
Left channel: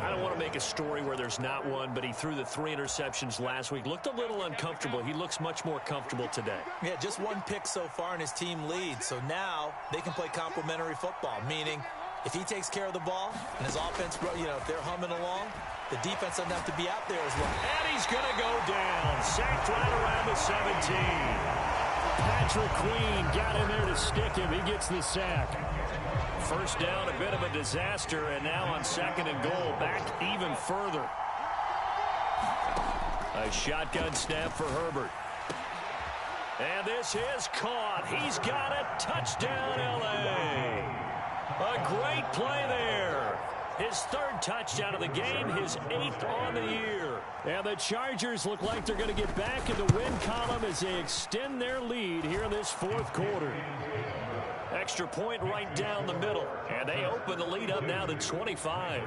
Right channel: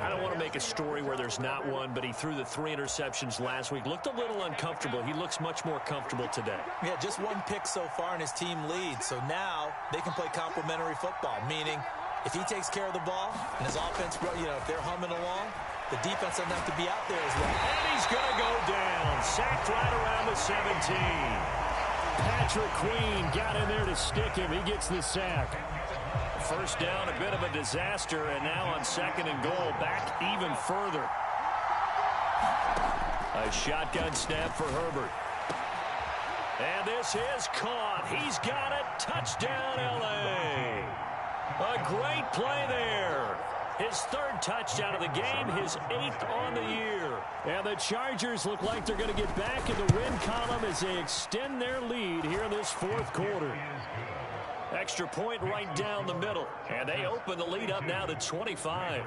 I don't want to make a story where there's not one, but he threw the 3 interceptions last week. Looked a little uncomfortable. He looks much more comfortable today. Yeah, just 1 pick so far and his team leads. So now they can play complementary football, meaning if he takes care of the ball and his offense, if they're humming along, the defense doesn't have to be out there as well. And he's going to go down. Sacked right around the 17. Patrick Queen got in there to stick him. He gets the sack. First down, a bit of a disaster, and now on 2nd and goal, back even further. A shotgun snap for Herbert. And this is caught. He's got it. Touchdown, L.A. A great play there. His 3rd touchdown of the game, his 8th on the year. And the Chargers look like they're going to get back in the win column as they extend their lead here in this 4th quarter. Extra point right down the middle. And they open the lead up now to 25.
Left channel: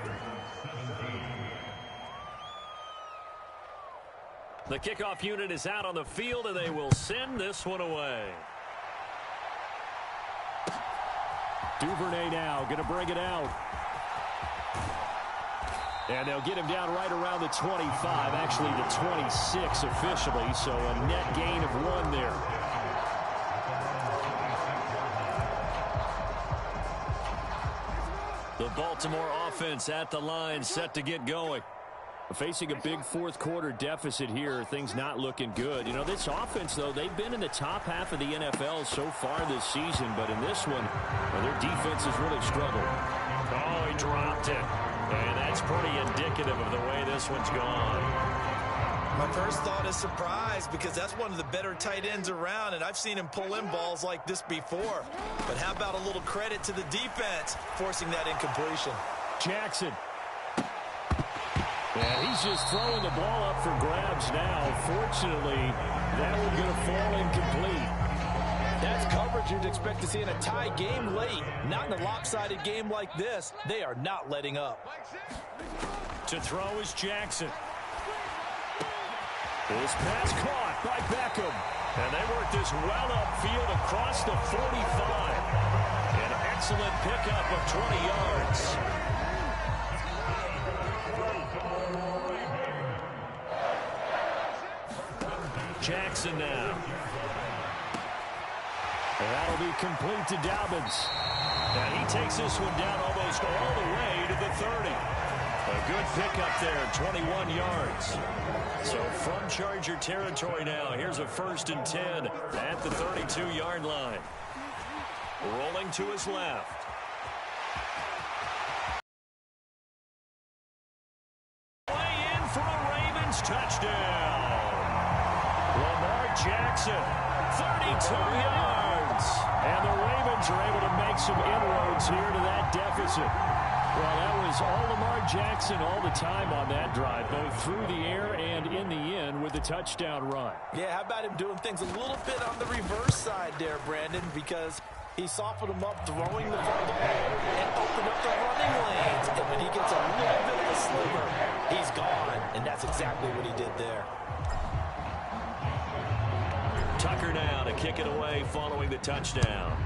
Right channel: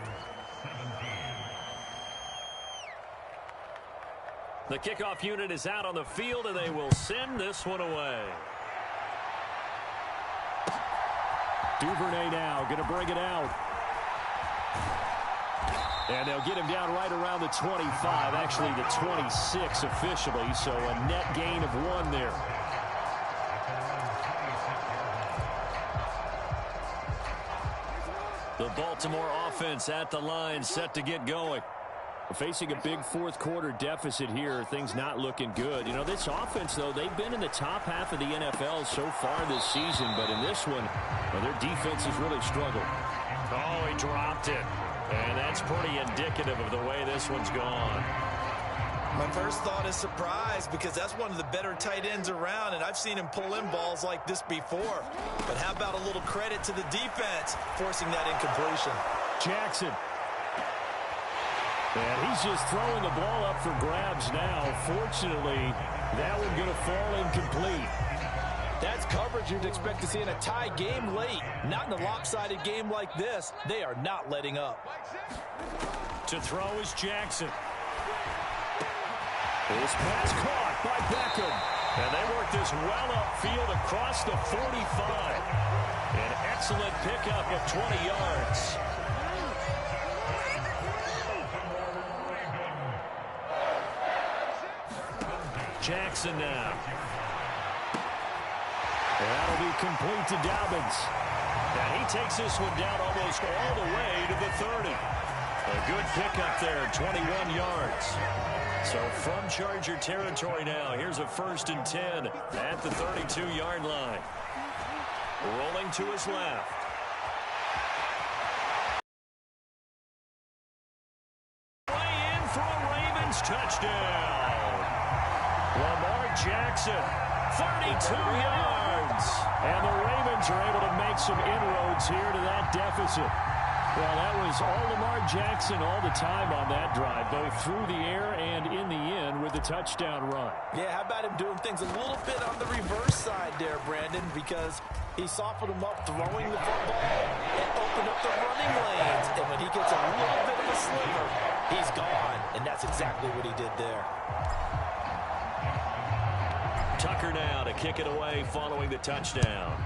The kickoff unit is out on the field, and they will send this one away. Duvernay now going to bring it out. And they'll get him down right around the 25, actually the 26 officially, so a net gain of 1 there. The Baltimore offense at the line, set to get going. Facing a big 4th quarter deficit here, things not looking good. This offense, though, they've been in the top half of the NFL so far this season, but in this one, their defense has really struggled. Oh, he dropped it. And that's pretty indicative of the way this one's gone. My first thought is surprise because that's one of the better tight ends around, and I've seen him pull in balls like this before. But how about a little credit to the defense forcing that incompletion? Jackson. And he's just throwing the ball up for grabs now. Fortunately, that one going to fall incomplete. That's coverage you'd expect to see in a tie game late. Not in a lopsided game like this. They are not letting up. To throw is Jackson. This pass caught by Beckham. And they work this well upfield across the 45. An excellent pickup of 20 yards. Jackson now. And that'll be complete to Dobbins. And he takes this one down almost all the way to the 30. A good pickup there, 21 yards. So from Charger territory now, here's a 1st and 10 at the 32-yard line. Rolling to his left. Way in for a Ravens touchdown. Lamar Jackson, 32 yards. And the Ravens are able to make some inroads here to that deficit. Well, that was all Lamar Jackson all the time on that drive, both through the air and in the end with the touchdown run. Yeah, how about him doing things a little bit on the reverse side there, Brandon, because he softened him up throwing the football and opened up the running lanes. And when he gets a little bit of a sliver, he's gone. And that's exactly what he did there. Tucker now to kick it away following the touchdown.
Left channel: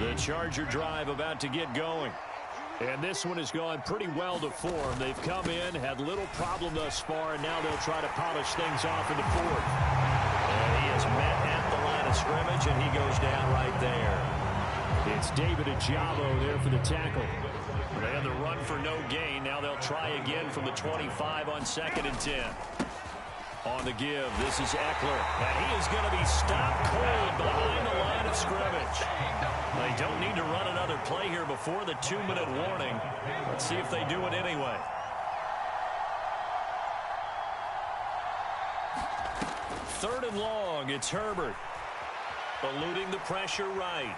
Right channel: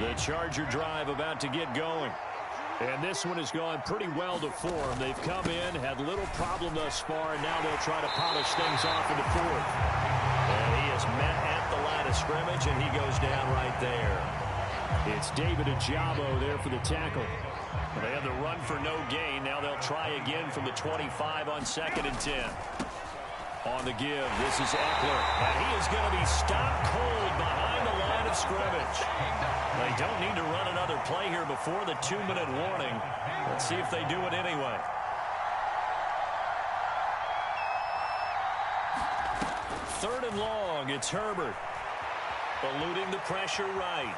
The Charger drive about to get going. And this one has gone pretty well to form. They've come in, had little problem thus far, and now they'll try to polish things off in the 4th. And he is met at the line of scrimmage, and he goes down right there. It's David Ojabo there for the tackle. They had the run for no gain. Now they'll try again from the 25 on 2nd and 10. On the give, this is Eckler. And he is going to be stopped cold behind the line of scrimmage. They don't need to run another play here before the 2-minute warning. Let's see if they do it anyway. Third and long, it's Herbert. Eluding the pressure right.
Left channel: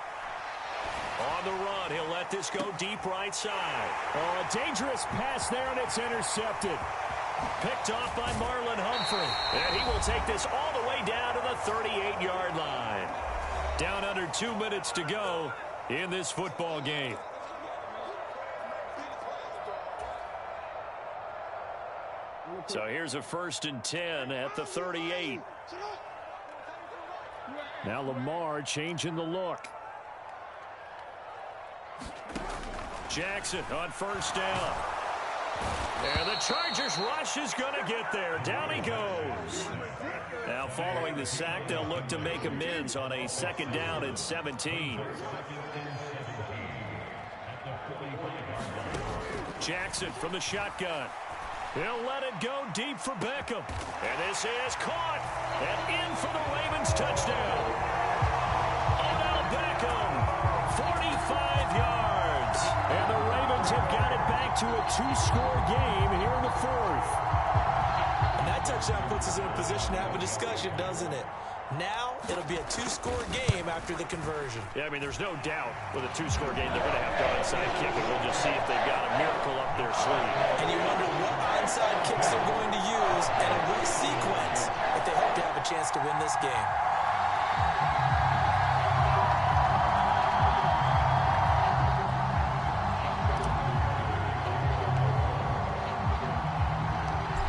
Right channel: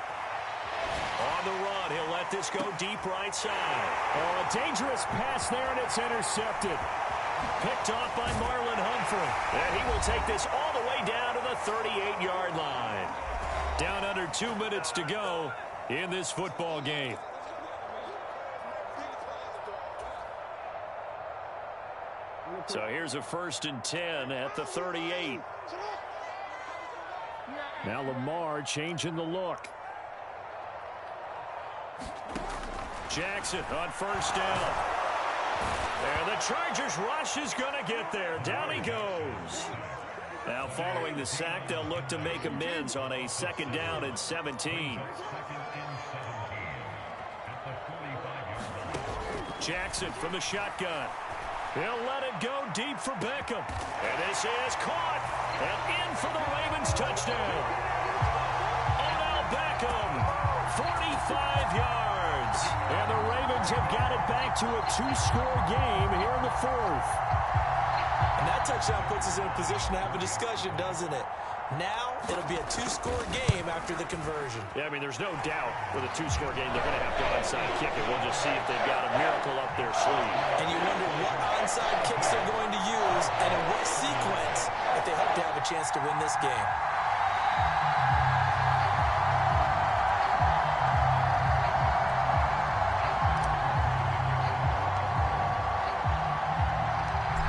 On the run, he'll let this go deep right side. Oh, a dangerous pass there, and it's intercepted. Picked off by Marlon Humphrey. And he will take this all the way down to the 38-yard line. Down under 2 minutes to go in this football game. So here's a 1st and 10 at the 38. Now Lamar changing the look. Jackson on 1st down. And the Chargers rush is going to get there. Down he goes. Now following the sack, they'll look to make amends on a 2nd down and 17. Jackson from the shotgun. He'll let it go deep for Beckham. And this is caught. And in for the Ravens touchdown. Odell Beckham, 45 yards. And the Ravens have got it back to a 2-score game here in the 4th. And that touchdown puts us in a position to have a discussion, doesn't it? Now it'll be a 2-score game after the conversion. Yeah, I mean, there's no doubt with a 2-score game they're going to have to onside kick it. We'll just see if they've got a miracle up their sleeve. And you wonder what onside kicks they're going to use and in what sequence if they hope to have a chance to win this game.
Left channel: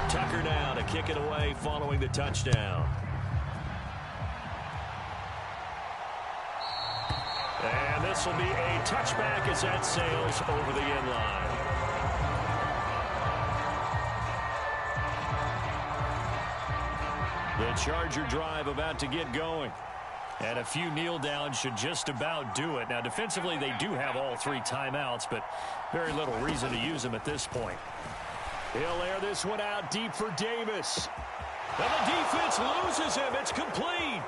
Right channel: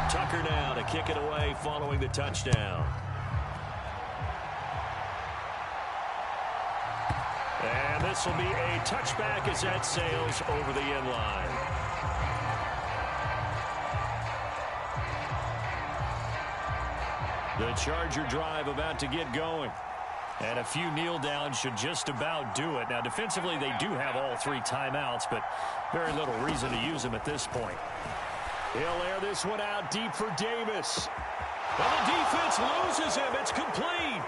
Tucker now to kick it away following the touchdown. And this will be a touchback as that sails over the end line. The Charger drive about to get going. And a few kneel downs should just about do it. Now, defensively, they do have all 3 timeouts, but very little reason to use them at this point. He'll air this one out deep for Davis. And the defense loses him. It's complete.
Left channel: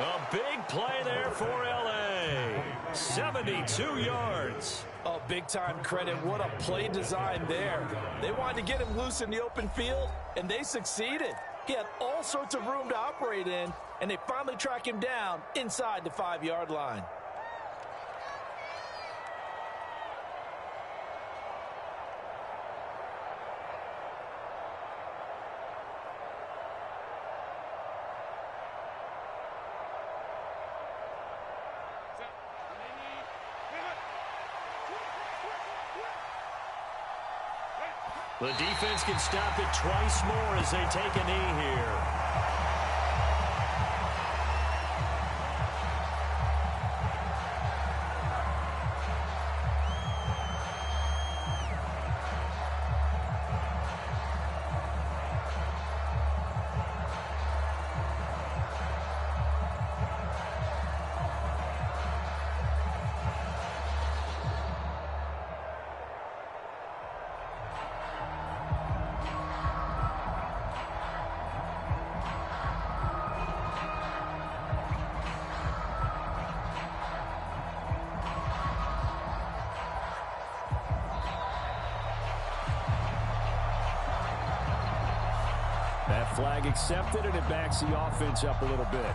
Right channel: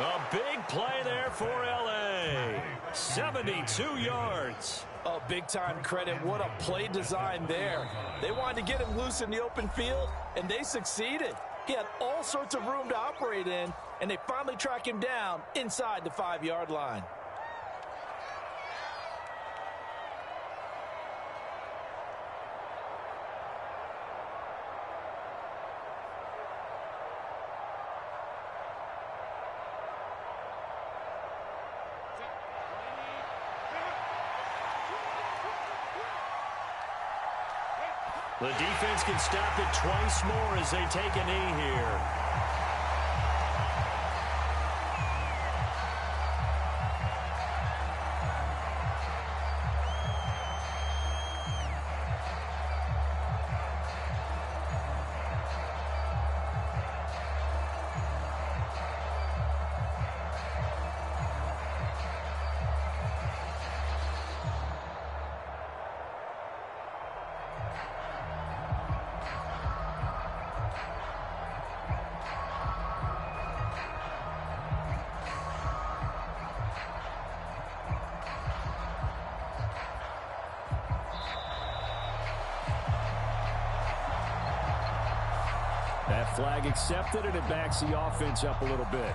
A big play there for L.A. 72 yards. Oh, big-time credit. What a play design there. They wanted to get him loose in the open field, and they succeeded. He had all sorts of room to operate in, and they finally track him down inside the 5-yard line. The defense can stop it twice more as they take a knee here. That flag accepted, and it backs the offense up a little bit.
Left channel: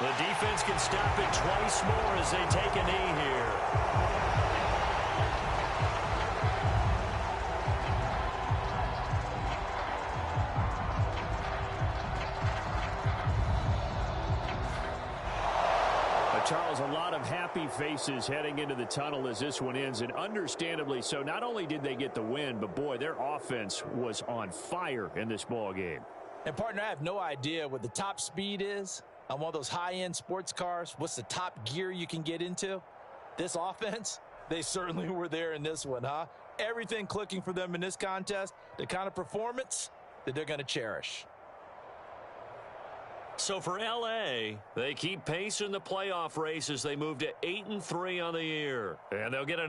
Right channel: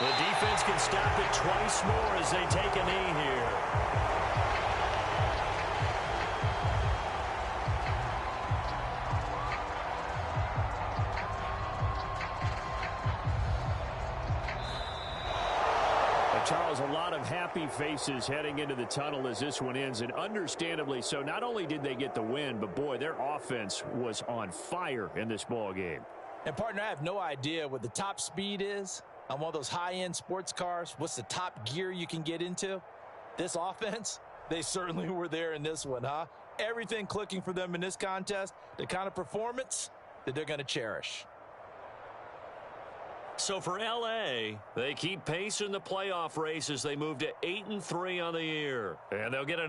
The defense can stop it twice more as they take a knee here. Charles, a lot of happy faces heading into the tunnel as this one ends, and understandably so. Not only did they get the win, but, boy, their offense was on fire in this ball game. And, partner, I have no idea what the top speed is on one of those high-end sports cars. What's the top gear you can get into? This offense, they certainly were there in this one, huh? Everything clicking for them in this contest, the kind of performance that they're going to cherish. So for L.A., they keep pace in the playoff race as they move to 8-3 on the year. And they'll get an